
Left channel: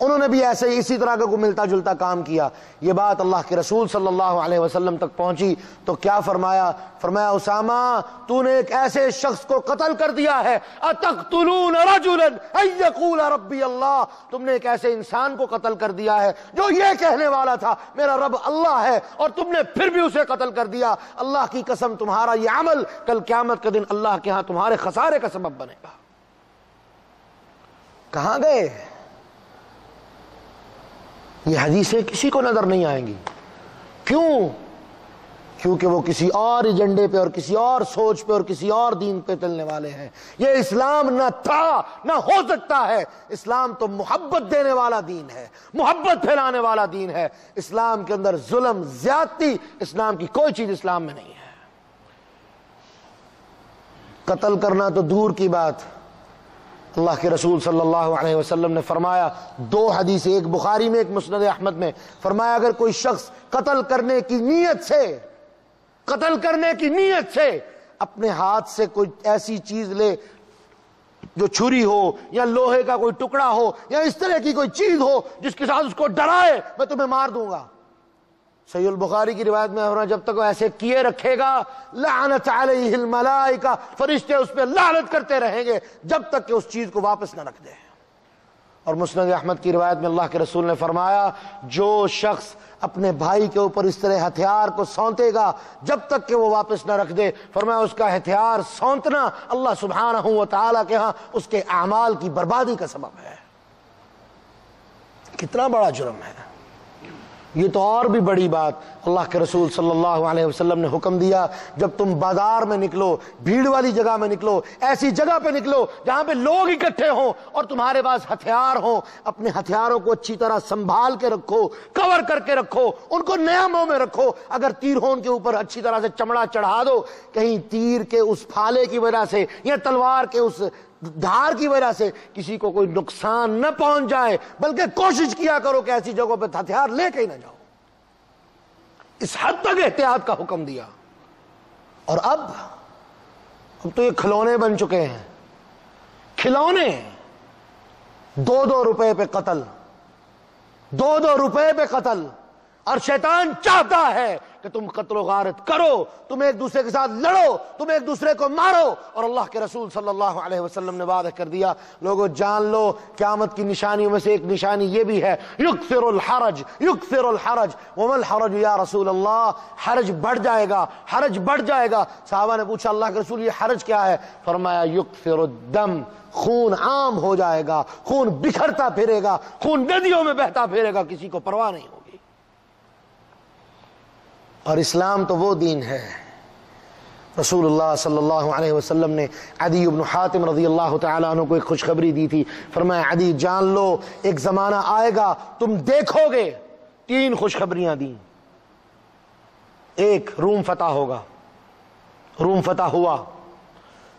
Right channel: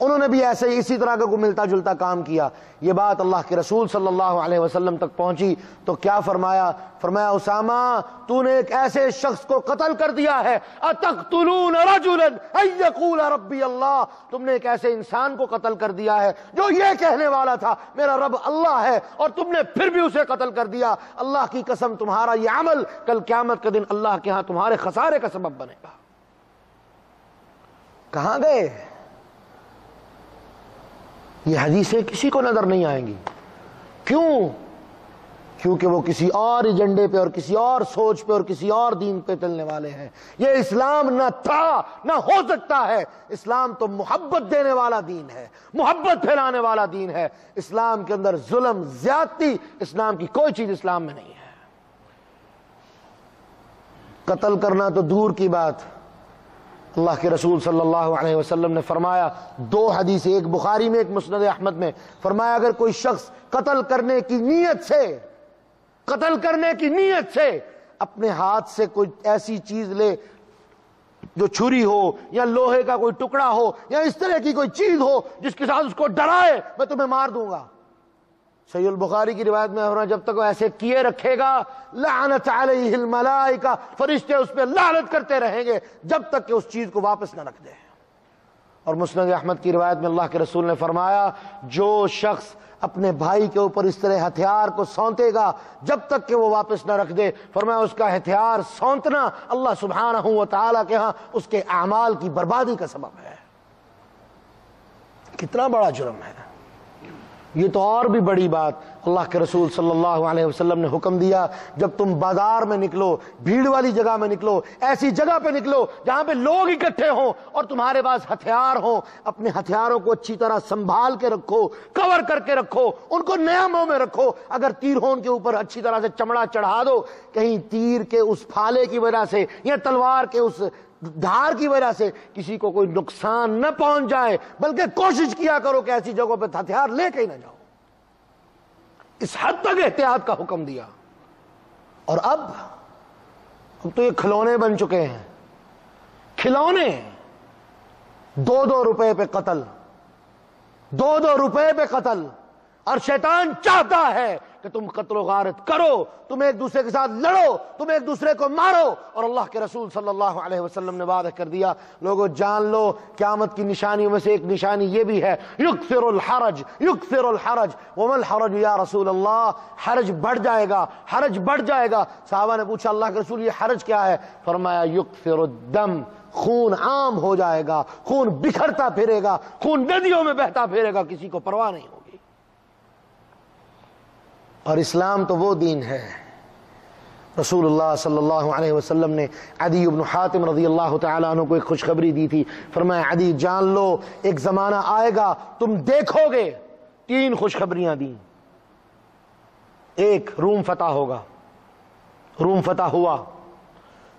انہوں نے بھی ایسے ہی اسی طرح کا کوئی ملتا جلتا کام کیا۔ یہ بات اللہ کے رسول صلی اللہ علیہ وسلم تک پہنچی تو کیا فرمایا؟ فرمایا اسامہ تو نے ایک ایسے شخص کو قتل کر دیا ہے، اتقتلون رجلا ان یقول ربی اللہ، تم نے ایک ایسے انسان کو قتل کر دیا ہے جو یہ کہنے والا تھا میرا رب اللہ ہے، اور تم نے پھر بھی اسے قتل کر دیا۔ اللہ کی قسم تمہارا یہ عمل کل قیامت کے دن اللہ کے ہاں تمہارے خسارے کا سبب بنے گا۔ کہاں گئے؟ یہ حدیثیں کسی کو نظر نہیں آئیں گی، کیوں؟ کیونکہ وہ کسی اور ایجنڈے پہ اور کسی اور سوچ پہ اور کسی اور دین پہ چلنے والے ہیں۔ یہ اسلام نہ تھا نہ ہو سکتا ہے۔ اسلام تو محبت دینے والا دین ہے، محبت پھیلانے والا دین ہے۔ اسلام کے اندر ظلم، زیادتی، اسلام کی کوئی چیز اسلام میں نہیں ہے۔ قتل کرنا تو دور کی بات، اللہ کے رسول صلی اللہ علیہ وسلم نے فرمایا، 2 حدیث، ایک بخاری میں ایک مسند احمد میں، فرمایا اگر کوئی شخص قتل کرنے کی نیت سے اپنے ہاتھ سے کوئی ایسی چیز لے جو چھری ہو یا لوہے کا کوئی ٹکڑا ہو یا اس طرح کی کوئی چیز ہو جس کے ساتھ اس کو ڈرائے میں تمہیں مار دوں گا. صحیح البخاری کی روایت میں ہے جب تک وہ ایسے کیے رکھے گا لعنت علیہ الملائکہ، فرشتے اس پہ لعنت کرتے رہیں گے جب تک کہ اس چیز کو واپس نہ رکھ دے. اور مسند احمد کی روایت میں اللہ کے رسول نے فرمایا جو شخص اپنے بھائی کے اوپر اس طرح ہتھیار کو سونتے گا جب تک کہ وہ واپس نہ رکھ دے، فرمایا اس کا ہتھیار سونتنا اللہ سبحانہ و تعالیٰ کے ہاں اس کے اعمال کی بربادی کا سبب ہے. کتنا بڑا جرم ہے یہ. تو اور بھی بڑی بات اللہ کے رسول صلی اللہ علیہ وسلم نے حکم دیا، جب تم بازار میں نکلو، بھیڑ والی جگہ میں نکلو، ایسی جگہ پہ نکلو جہاں پہ لوگ اکٹھے ہوں اور تمہارے پاس ہتھیار ہوں، اپنے ہتھیاروں کو اچھی طرح سنبھال کے رکھو، کور کر کے رکھو، ان کو نیاموں میں رکھو. اگر تیر ہو ان کے اوپر اچھی طرح سے چمڑا چڑھا دو، کہیں تیر کے اس پھالے کی وجہ سے یا تلوار کے اس دھار کی وجہ سے کسی کو کوئی نقصان نہ پہنچ جائے، بلکہ کوشش کیا کرو کہ ایسی جگہوں پہ ہتھیار لے کے ہی نہ جاؤ. اس حد تک احتیاط کا حکم دیا. اور اب تو یہ کھلونے بن چکے ہیں، کھلونے. 2 روپے پہ قتل، 2 روپے پہ قتل. اور شیطان چاہتا ہے کہ تم قتل و غارت کرو، تم ایک دوسرے کے ساتھ لڑو، تم ایک دوسرے کو مارو. اور اللہ کے رسول صلی اللہ علیہ وسلم نے وعدہ کر دیا، لوگوں جان لو قیامت کی نشانیوں میں سے ایک نشانی یہ بھی ہے، یکثر الحرج، یکثر الحرج. وما الحرج یا رسول اللہ، حرج بڑھ جائے گا، حرج بڑھ جائے گا. صحابہ نے پوچھا اللہ کے رسول یہ حرج کیا ہے؟ فرمایا یکثر الدم، خون عام ہو جائے گا، خون بکھرتا پھرے گا، خون ندیوں میں بہتا پھرے گا، کسی کو پرواہ نہیں ہوگی. اور اسلام تو وہ دین ہے. رسول اللہ صلی اللہ علیہ وسلم نے عدی بن حاتم رضی اللہ تعالیٰ عنہ کو ایک خوشخبری دی تھی. فرمایا عدی جان لو ایک زمانہ آئے گا تم دیکھو گے. 3 خوشخبریاں دیں. ایک، روم فتح ہوگا، روم فتح ہوا.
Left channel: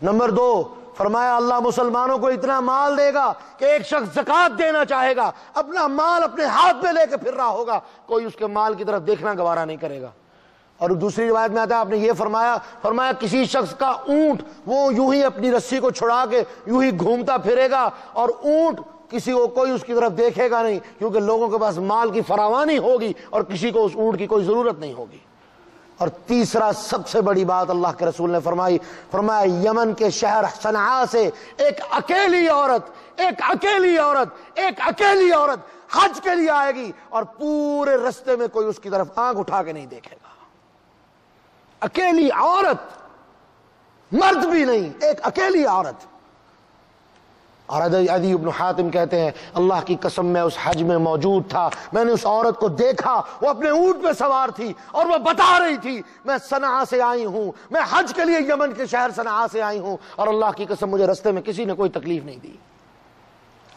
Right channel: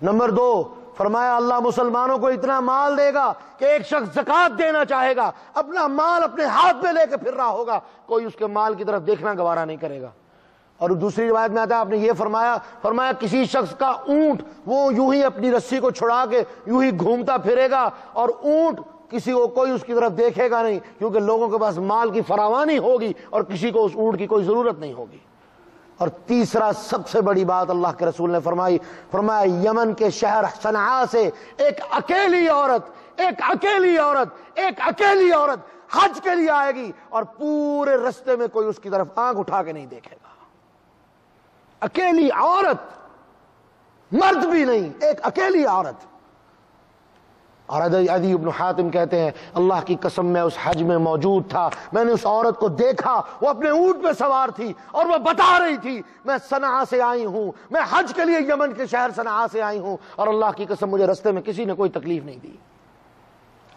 نمبر 2 فرمایا اللہ مسلمانوں کو اتنا مال دے گا کہ ایک شخص زکوٰۃ دینا چاہے گا اپنا مال اپنے ہاتھ میں لے کے پھر رہا ہوگا، کوئی اس کے مال کی طرف دیکھنا گوارا نہیں کرے گا. اور دوسری روایت میں آتا ہے آپ نے یہ فرمایا کسی شخص کا اونٹ وہ یوں ہی اپنی رسی کو چھڑا کے یوں ہی گھومتا پھرے گا اور اونٹ کسی کو کوئی اس کی طرف دیکھے گا نہیں، کیونکہ لوگوں کے پاس مال کی فراوانی ہوگی اور کسی کو اس اونٹ کی کوئی ضرورت نہیں ہوگی. اور تیسرا سب سے بڑی بات اللہ کے رسول نے فرمایا یمن کے شہر صنعاء سے ایک اکیلی عورت حج کے لیے آئے گی اور پورے رستے میں کوئی اس کی طرف آنکھ اٹھا کے نہیں دیکھے گا. اکیلی عورت، مرد بھی نہیں، ایک اکیلی عورت. اور عدی بن حاتم کہتے ہیں اللہ کی قسم میں اس حج میں موجود تھا، میں نے اس عورت کو دیکھا، وہ اپنے اونٹ پہ سوار تھی اور وہ بتا رہی تھی میں صنعاء سے آئی ہوں، میں حج کے لیے یمن کے شہر صنعاء سے آئی ہوں، اور اللہ کی قسم مجھے رستے میں کسی نے کوئی تکلیف نہیں دی.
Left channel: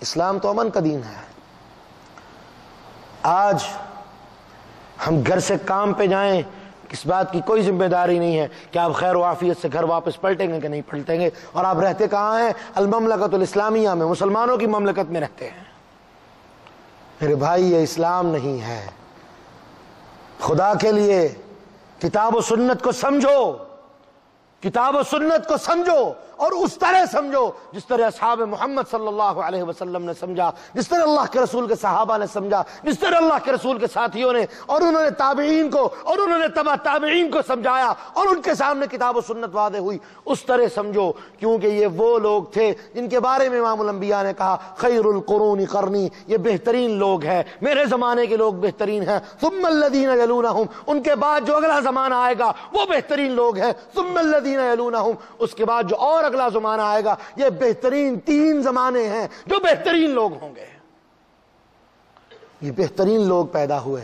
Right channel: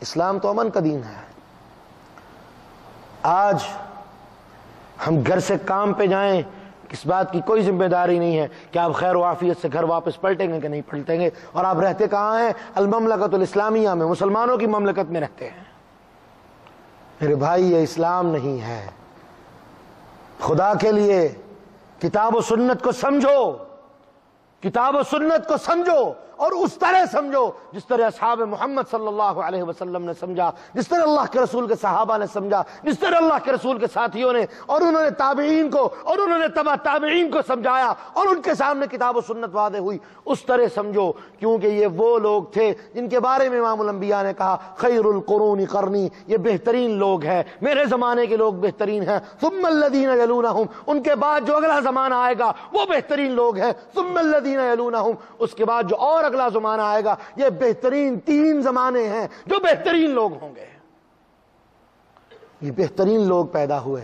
اسلام تو امن کا دین ہے. آج ہم گھر سے کام پہ جائیں اس بات کی کوئی ذمہ داری نہیں ہے کہ آپ خیر و عافیت سے گھر واپس پلٹیں گے کہ نہیں پلٹیں گے. اور آپ رہتے کہاں ہیں؟ المملکت الاسلامیہ میں، مسلمانوں کی مملکت میں رہتے ہیں. میرے بھائی یہ اسلام نہیں ہے. خدا کے لیے کتاب و سنت کو سمجھو، کتاب و سنت کو سمجھو اور اس طرح سمجھو جس طرح اصحاب محمد صلی اللہ علیہ وسلم نے سمجھا، جس طرح اللہ کے رسول کے صحابہ نے سمجھا، جس طرح اللہ کے رسول کے ساتھیوں نے اور انہوں نے تابعین کو اور انہوں نے تبع تابعین کو سمجھایا اور ان کے سامنے کتاب و سنت واضح ہوئی، اس طرح سمجھو. کیونکہ یہ وہ لوگ تھے جن کے بارے میں امام الانبیاء نے کہا خیر القرون قرنی، یہ بہترین لوگ ہیں، میرے زمانے کے لوگ بہترین ہیں. ثم الذین یلونہم، ان کے بعد جو اگلا زمانہ آئے گا وہ بہترین لوگ ہیں. ثم الذین یلونہم، اس کے بعد جو اور اگلا زمانہ آئے گا، یہ بہترین 3 زمانے ہیں جو بہترین لوگ ہوں گے. یہ بہترین لوگ پیدا ہوئے،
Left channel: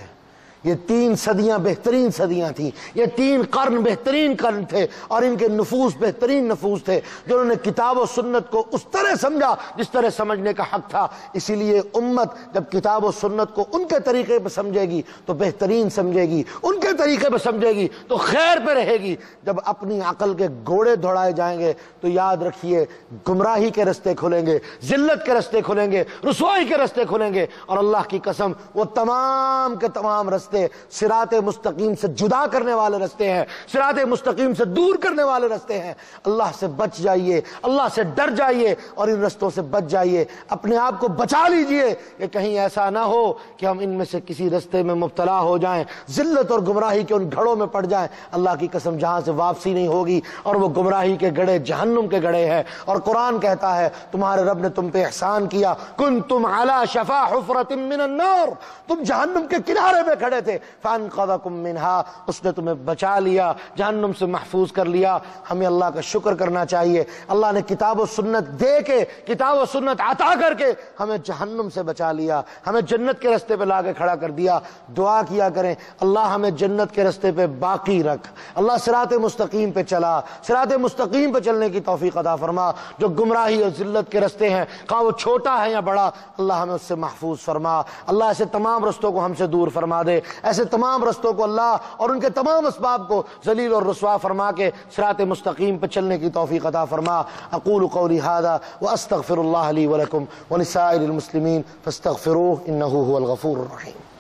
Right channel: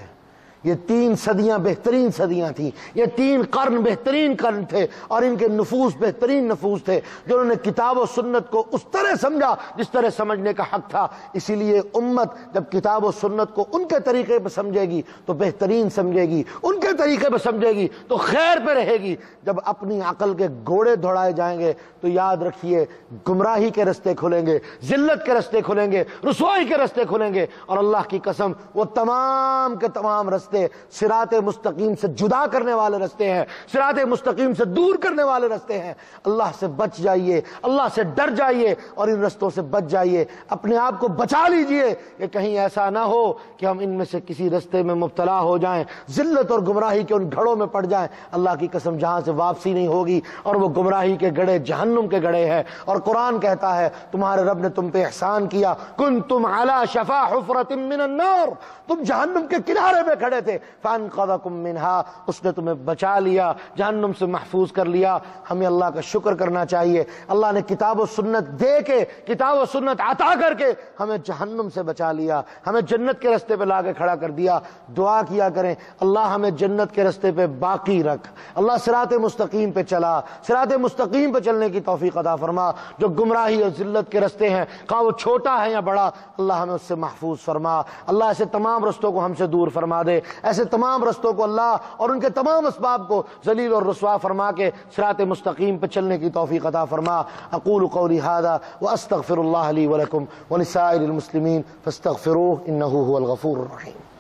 یہ 3 صدیاں بہترین صدیاں تھیں، یہ 3 قرن بہترین قرن تھے، اور ان کے نفوس بہترین نفوس تھے جنہوں نے کتاب و سنت کو اس طرح سمجھا جس طرح سمجھنے کا حق تھا. اسی لیے امت جب کتاب و سنت کو ان کے طریقے پہ سمجھے گی تو بہترین سمجھے گی، ان کے طریقے پہ سمجھے گی تو خیر پہ رہے گی. جب اپنی عقل کے گھوڑے دوڑائے جائیں گے تو یاد رکھیے گمراہی کے رستے کھلیں گے، ذلت کے رستے کھلیں گے، رسوائی کے رستے کھلیں گے. اور اللہ کی قسم وہ تمام کے تمام رستے رستے صراط مستقیم سے جدا کرنے والے رستے ہیں، صراط مستقیم سے دور کرنے والے رستے ہیں۔ اللہ سے بچ جائیے، اللہ سے ڈر جائیے اور ان رستوں سے بچ جائیے، اپنے آپ کو بچا لیجئے کہ کہیں ایسا نہ ہو کہ ہم ان میں سے کسی رستے میں مبتلا ہو جائیں، ذلت اور گمراہی کے ان گھڑوں میں پڑ جائیں۔ اللہ کی قسم جہاں سے واپسی نہیں ہوگی، اور وہ گمراہی کے گڑھے جہنم کے گڑھے ہیں۔ اور قرآن کہتا ہے تمہارے رب نے تم پہ احسان کیا، کنتم علی شفا حفرۃ من النار، تم جہنم کے کنارے پہ کھڑے تھے، فانقذکم منہا، اس نے تمہیں بچا لیا، جہنم سے محفوظ کر لیا۔ ہمیں اللہ کا شکر کرنا چاہیے، اللہ نے کتاب و سنت دے کے، کتاب و سنت عطا کر کے ہمیں جہنم سے بچا لیا، ہمیں جنت کے رستے پہ لا کے کھڑا کر دیا۔ دعا کیا کریں اللہ ہمیں جنت کے رستے پہ باقی رکھ، اللہ صراط مستقیم پہ چلا، صراط مستقیم پہ چلنے کی توفیق عطا فرما۔ جو گمراہی اور ذلت کے رستے ہیں، خواہ وہ چھوٹا ہے یا بڑا، اللہ ہمیں اس سے محفوظ فرما۔ اللہ ایسے تمام رستوں کو ہم سے دور فرما دے، ایسے تمام رستوں کو اللہ اور ان کے تمام اسباب کو ذلیل اور رسوا فرما کے صراط مستقیم پہ چلنے کی توفیق عطا فرما۔ اقول قولی ھذا واستغفر اللہ لی ولکم ولسائر المسلمین فاستغفروہ انہ ھو الغفور الرحیم۔